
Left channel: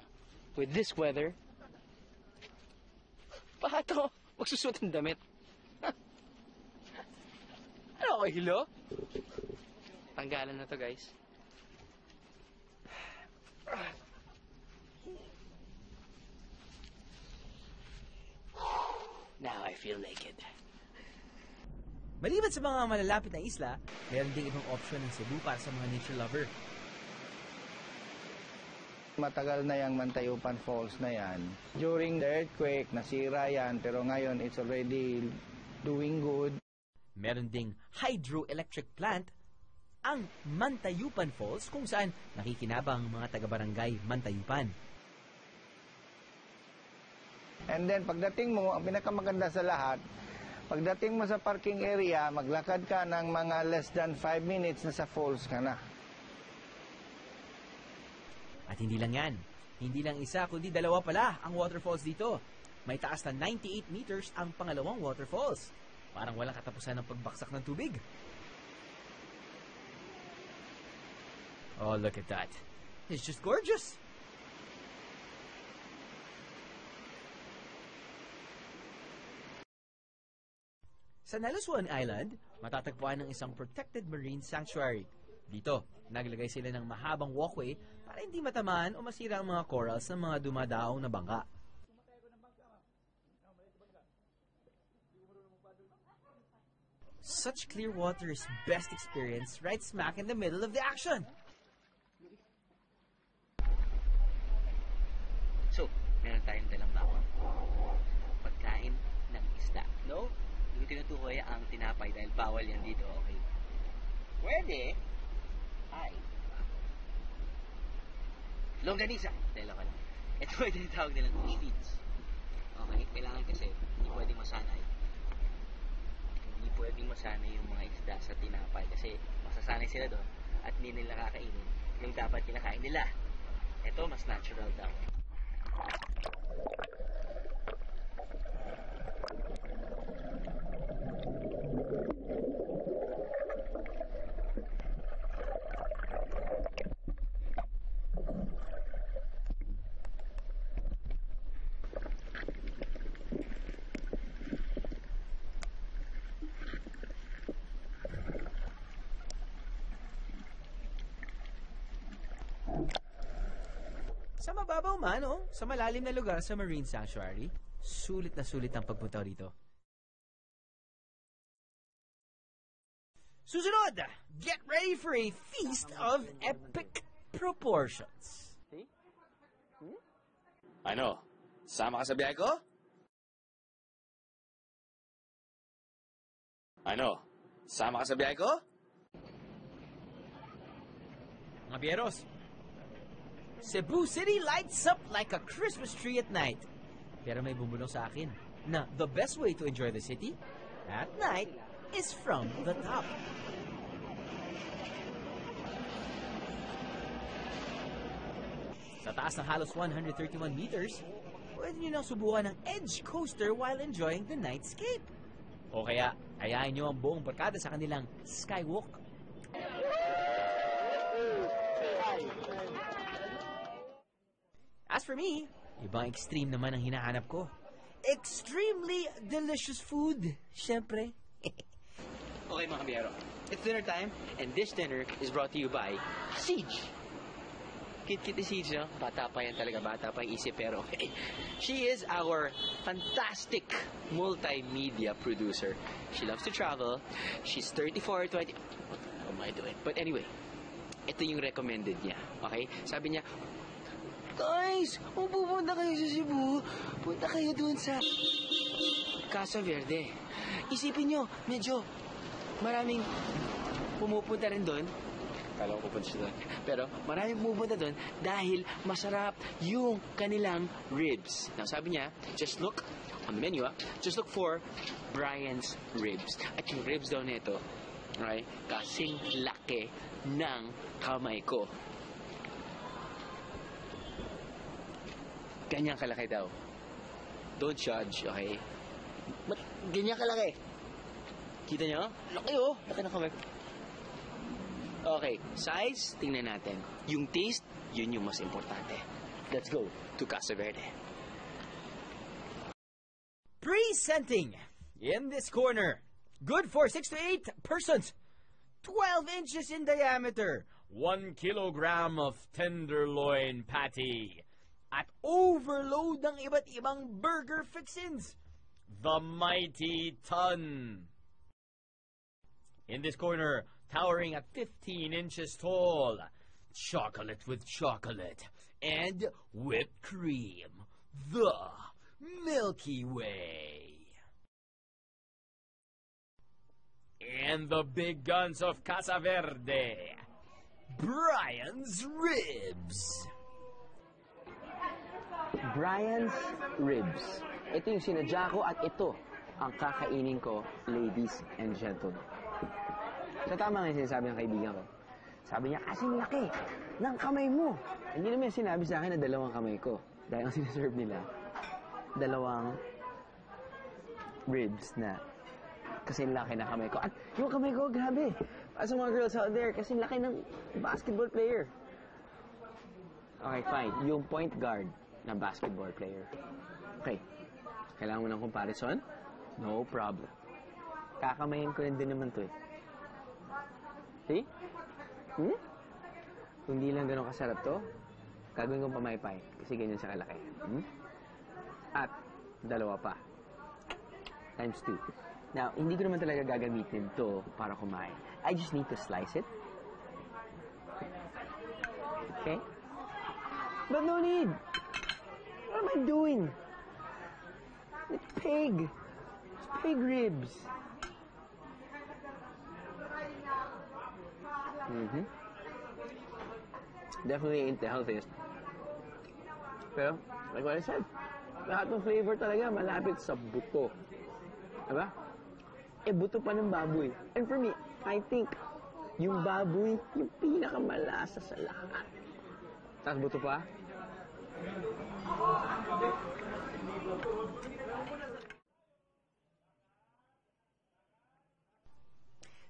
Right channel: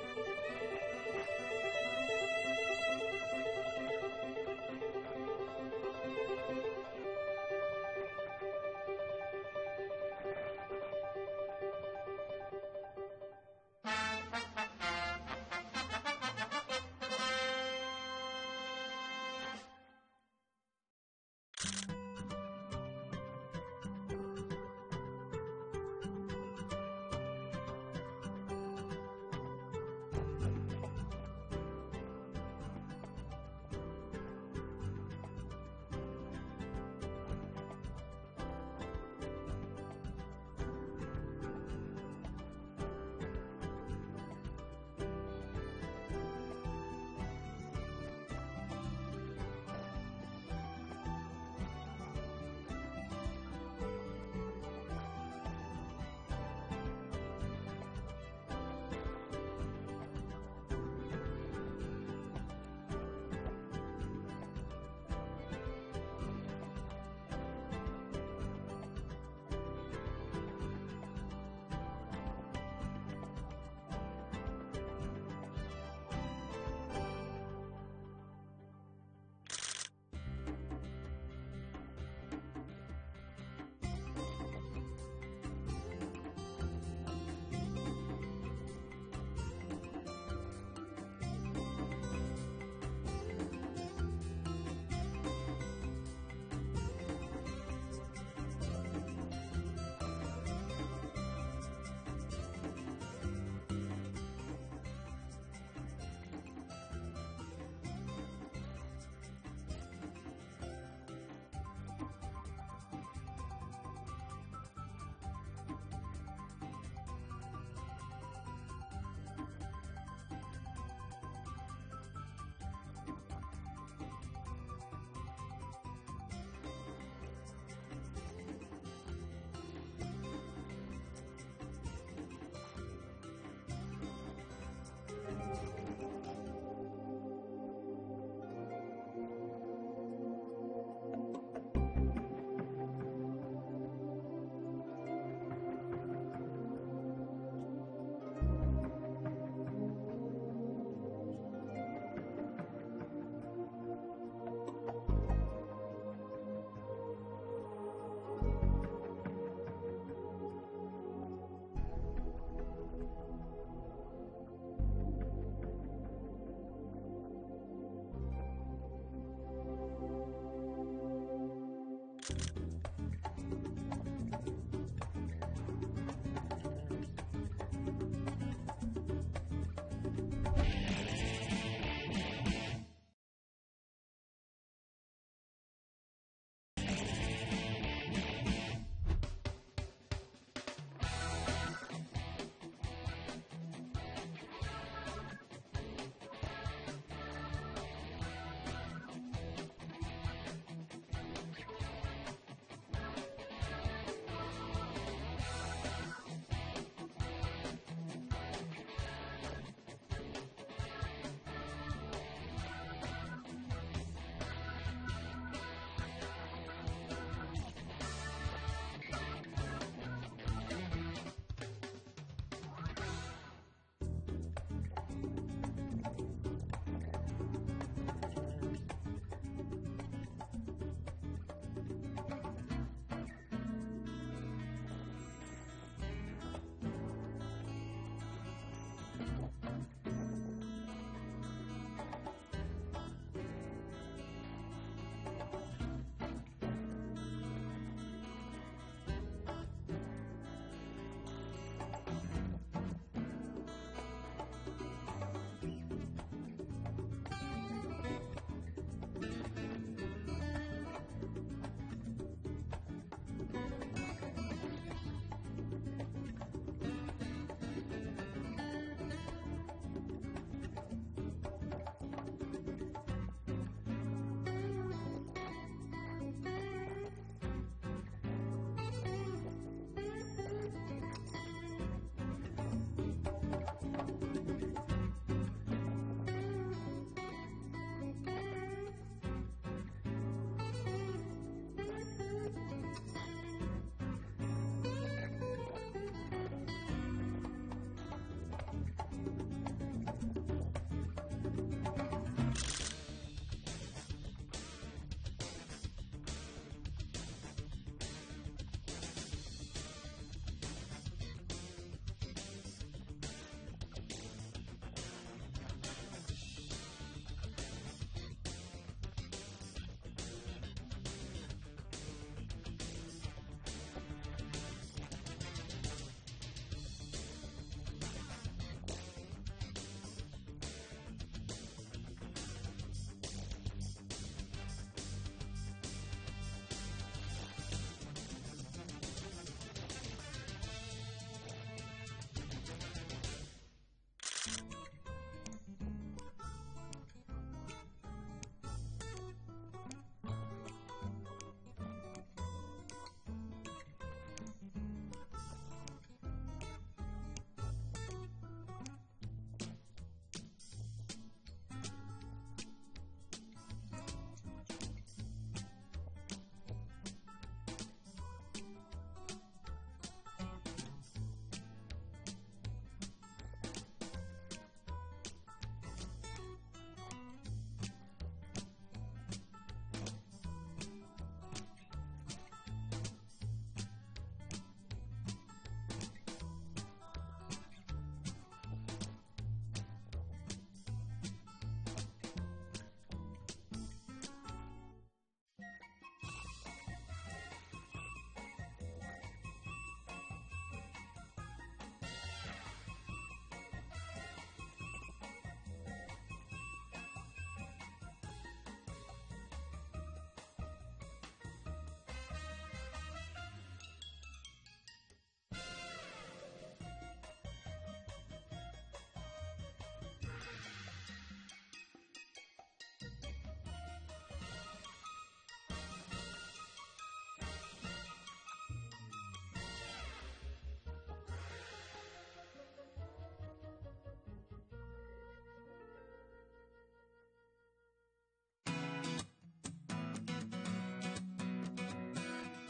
With this weather, baka ito magsusot ang damit. Ano ako, hilo? Tanggalan na to, guys. Now I feel naked. Maliban sa mga malalapit na isla, meron ding ibang option ng Cebu para sa mga nature lover. Matagal na yung Mantayupan Falls na yan. During the earthquake, nasira yan, pero ngayon it's already doing good. Meron ding hydroelectric plant, ang Mantayupan Falls, kung saan makikinabang mga taga-barangay Mantayupan. And then pagdating mo, ang pinakamaganda sa lahat, pagdating mo sa parking area, maglakad ka ng mga less than 5 minutes na sa falls ka na. At hindi lang yan, hindi lang isa kundi dalawa pala ang waterfalls dito. May taas na 98 meters ang pangalawang waterfalls. Parang walang katapusan ng pagbaksak ng tubig. Oh, look at that. It's just gorgeous. Sa Naluswan Island, matatagpuan ng isang protected marine sanctuary. Dito, naglagay sila ng mahabang walkway para hindi matamaan o masira ang mga corals ng mga dumadaong na bangka. Such clear water is best experienced right smack in the middle of the action. So, meron tayong dalang pagkain ng isda. No? Hindi tinutukoy ang tinapay dahil bawal yan dito. Okay? Pwede. Ay. Longganisa. Dalawa lang. Ito ay tinatawag nilang feeds. Okay? Kailangan kasi hindi pwedeng masanay. Hindi pwedeng masanay yung mga isda sa tinapay kasi masasanay sila doon at hindi nila kakainin yung dapat kinakain nila. Ito, mas natural daw. Sa mababaw man o sa malalim na lugar sa Marine Sanctuary, sulit na sulit ang pagpunta rito. Susunod, get ready for a feast of epic proportions. Ano? Sama ka sa biyahe ko? Ano? Sama ka sa biyahe ko? Mga bieros, Cebu City lights up like a Christmas tree at night. Pero may bumulong sa akin na the best way to enjoy the city at night is from the top. Sa taas ng halos 131 meters, pwede nyo lang subukan ng Edge Coaster while enjoying the nightscape. O kaya, ayain nyo ang buong barkada sa kanilang Skywalk. As for me, ibang extreme naman ang hinahanap ko. Extremely delicious food, syempre. Okay mga biyero, it's dinner time and this dinner is brought to you by Siege. Kit-kit ni Siege, no? Bata pa yan talaga, bata pa yung isip pero okay. She is our fantastic multimedia producer. She loves to travel. She's 34, 20... What am I doing? But anyway, ito yung recommended niya, okay? Sabi niya, guys, kung pupunta kayo sa Cebu, punta kayo dun sa Casa Verde. Isipin nyo, medyo maraming pumupunta rin doon. Kala ko pupunta siya doon. Pero maraming pumupunta doon dahil masarap yung kanilang ribs. Now sabi niya, just look on the menu, just look for Brian's Ribs. At yung ribs daw nito, right, kasing laki ng kamay ko. Ganyan kalaki daw. Don't judge, okay? Ba't ganyan kalaki? Kita nyo? Laki oh. Laki na kamay. Okay, size, tingnan natin. Yung taste, yun yung mas importante. Let's go to Casa Verde. Presenting in this corner. Good for 6 to 8 persons. 12 inches in diameter. 1 kilogram of tenderloin patty. At overload ng iba't ibang burger fixins. The Mighty Ton. In this corner, towering at 15 inches tall. Chocolate with chocolate. And whipped cream. The Milky Way. And the big guns of Casa Verde. Brian's Ribs. Brian's Ribs. Ito yung sinadya ko at ito ang kakainin ko, ladies and gentlemen. So tama nga yung sinasabi ng kaibigan ko. Sabi niya, kasing laki ng kamay mo. Hindi naman sinabi sa akin na dalawang kamay ko. Dahil ang sinaserve nila, dalawang ribs na kasing laki na kamay ko. At yung kamay ko, grabe. Para sa mga girls out there, kasing laki ng basketball player. Okay, fine. Yung point guard na basketball player. Okay. Kailangan mo ng comparison? No problem. Kakamayin ko rin din naman to eh. See? Kung di lang ganun kasarap to, gagawin kong pamaypay. Kasi ganyan siya kalaki. At, dalawa pa. Times 2. Now, hindi ko naman talaga gagamitin to para kumain. I just need to slice it. Okay? But no need! What am I doing? It's pig! Pig ribs! Definitely ain't the healthiest. Pero, like what I said, lahat ng flavor talaga malapit sa buto. Diba? Buto pa ng baboy. And for me, I think, yung baboy, yung pinakamalasa sa lahat. Tapos buto pa?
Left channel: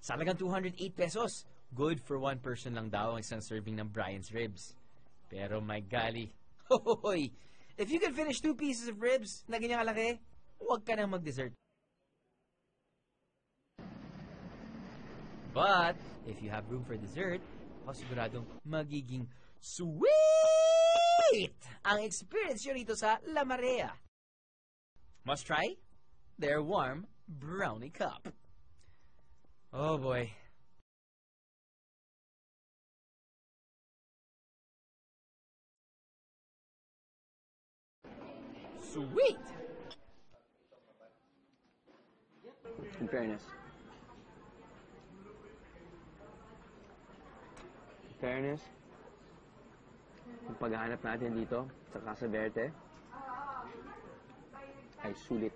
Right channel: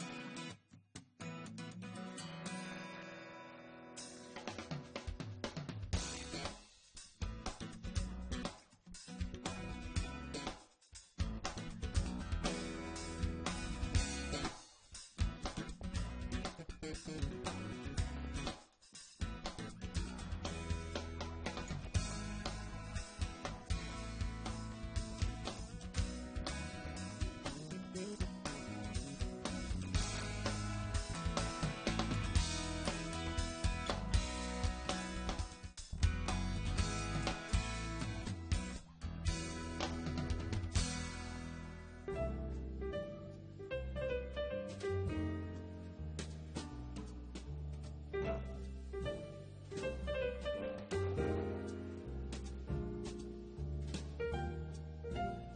Sa halagang 208 pesos, good for one person lang daw ang isang serving ng Brian's Ribs. Pero my golly, hoy! If you can finish 2 pieces of ribs na ganyan kalaki, huwag ka nang mag-dessert. But, if you have room for dessert, masigurado magiging sweet ang experience nyo rito sa La Marea. Must try their warm brownie cup. Oh boy. Sweet! In fairness. Ang paghahanap natin dito sa Casa Verde ay sulit.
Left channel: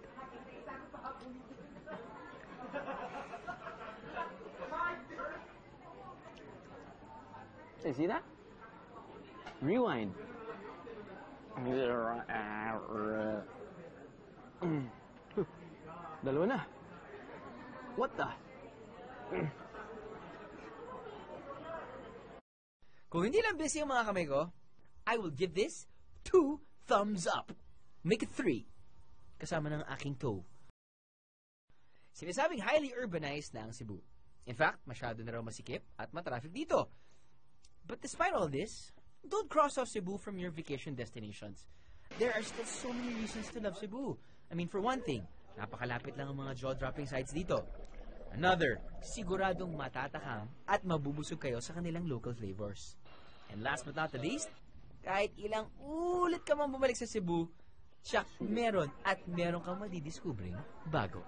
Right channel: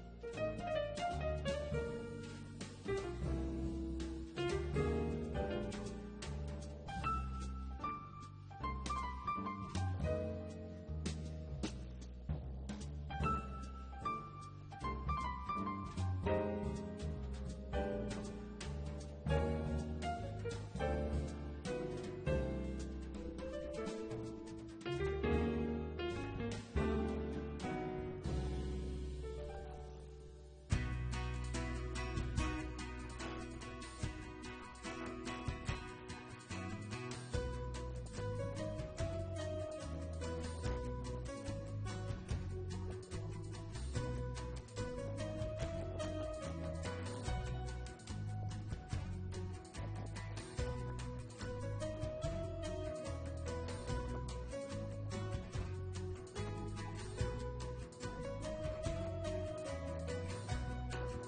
Hey, see that? Rewind. Dalawa na. What the? Kung hindi lang busy ang mga kamay ko, I will give this 2 thumbs up. Make it 3. Kasama ng aking toe. Sinasabing highly urbanized na ang Cebu. In fact, masyado na raw masikip at matraffic dito. But despite all this, don't cross off Cebu from your vacation destinations. There are still so many reasons to love Cebu. I mean, for one thing, napakalapit lang ang mga jaw-dropping sites dito. Another, siguradong matatahang at mabubusog kayo sa kanilang local flavors. And last but not the least, kahit ilang ulit ka man bumalik sa Cebu, siya meron at meron kang madidiscover bago.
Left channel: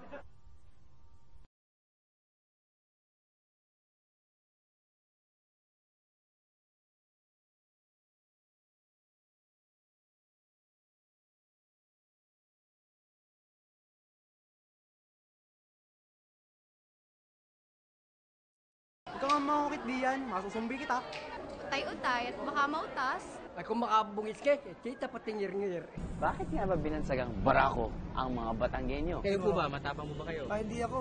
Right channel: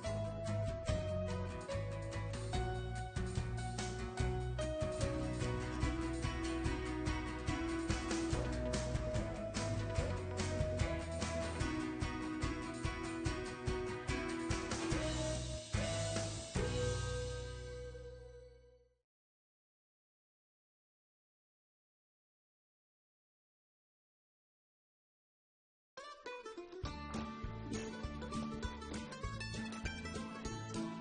Ikaw ang makakit diyan, masusumbi kita. Utay-utay at baka mautas. Ay kung makabungis ka, kita pati ngir-ngir. Bakit nga ba binansagang barako ang mga Batanggenyo? Kayo po ba? Matapang mo ba kayo? Ay, hindi ako.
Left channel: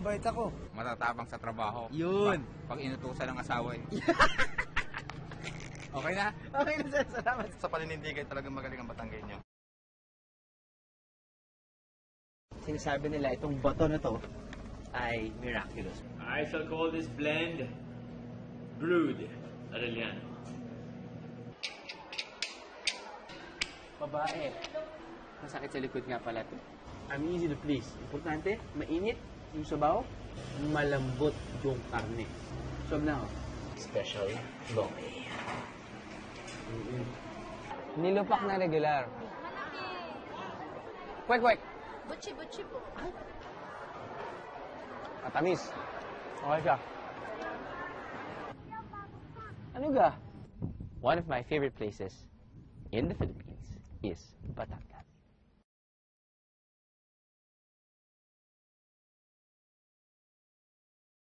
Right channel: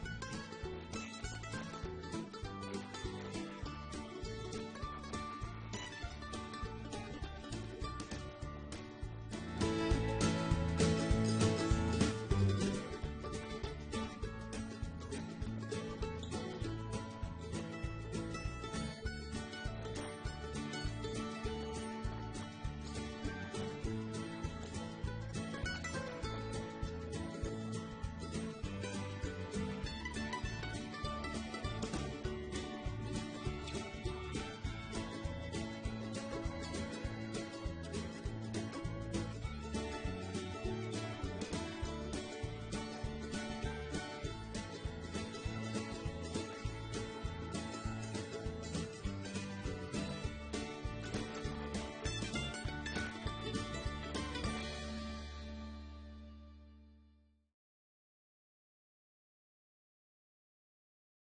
Bait ako. Matatabang sa trabaho. Yun. Pag inutusan ng asawa eh. Okay na? Okay na, sir. Salamat. Sa paninindigay talagang magaling ang Batanggenyo. Sinasabi nila itong bato na to ay miraculous. I shall call this blend Brood Arellano. Babae. Masakit sa likod nga pala. I'm easy to please. Importante, mainit yung sabaw, malambot yung karne. So now, special lomi. Nilupak na regular. Kwek-kwek! Butchi-butchi po. Matamis. Okay ka. Ano ba? One of my favorite places in the Philippines.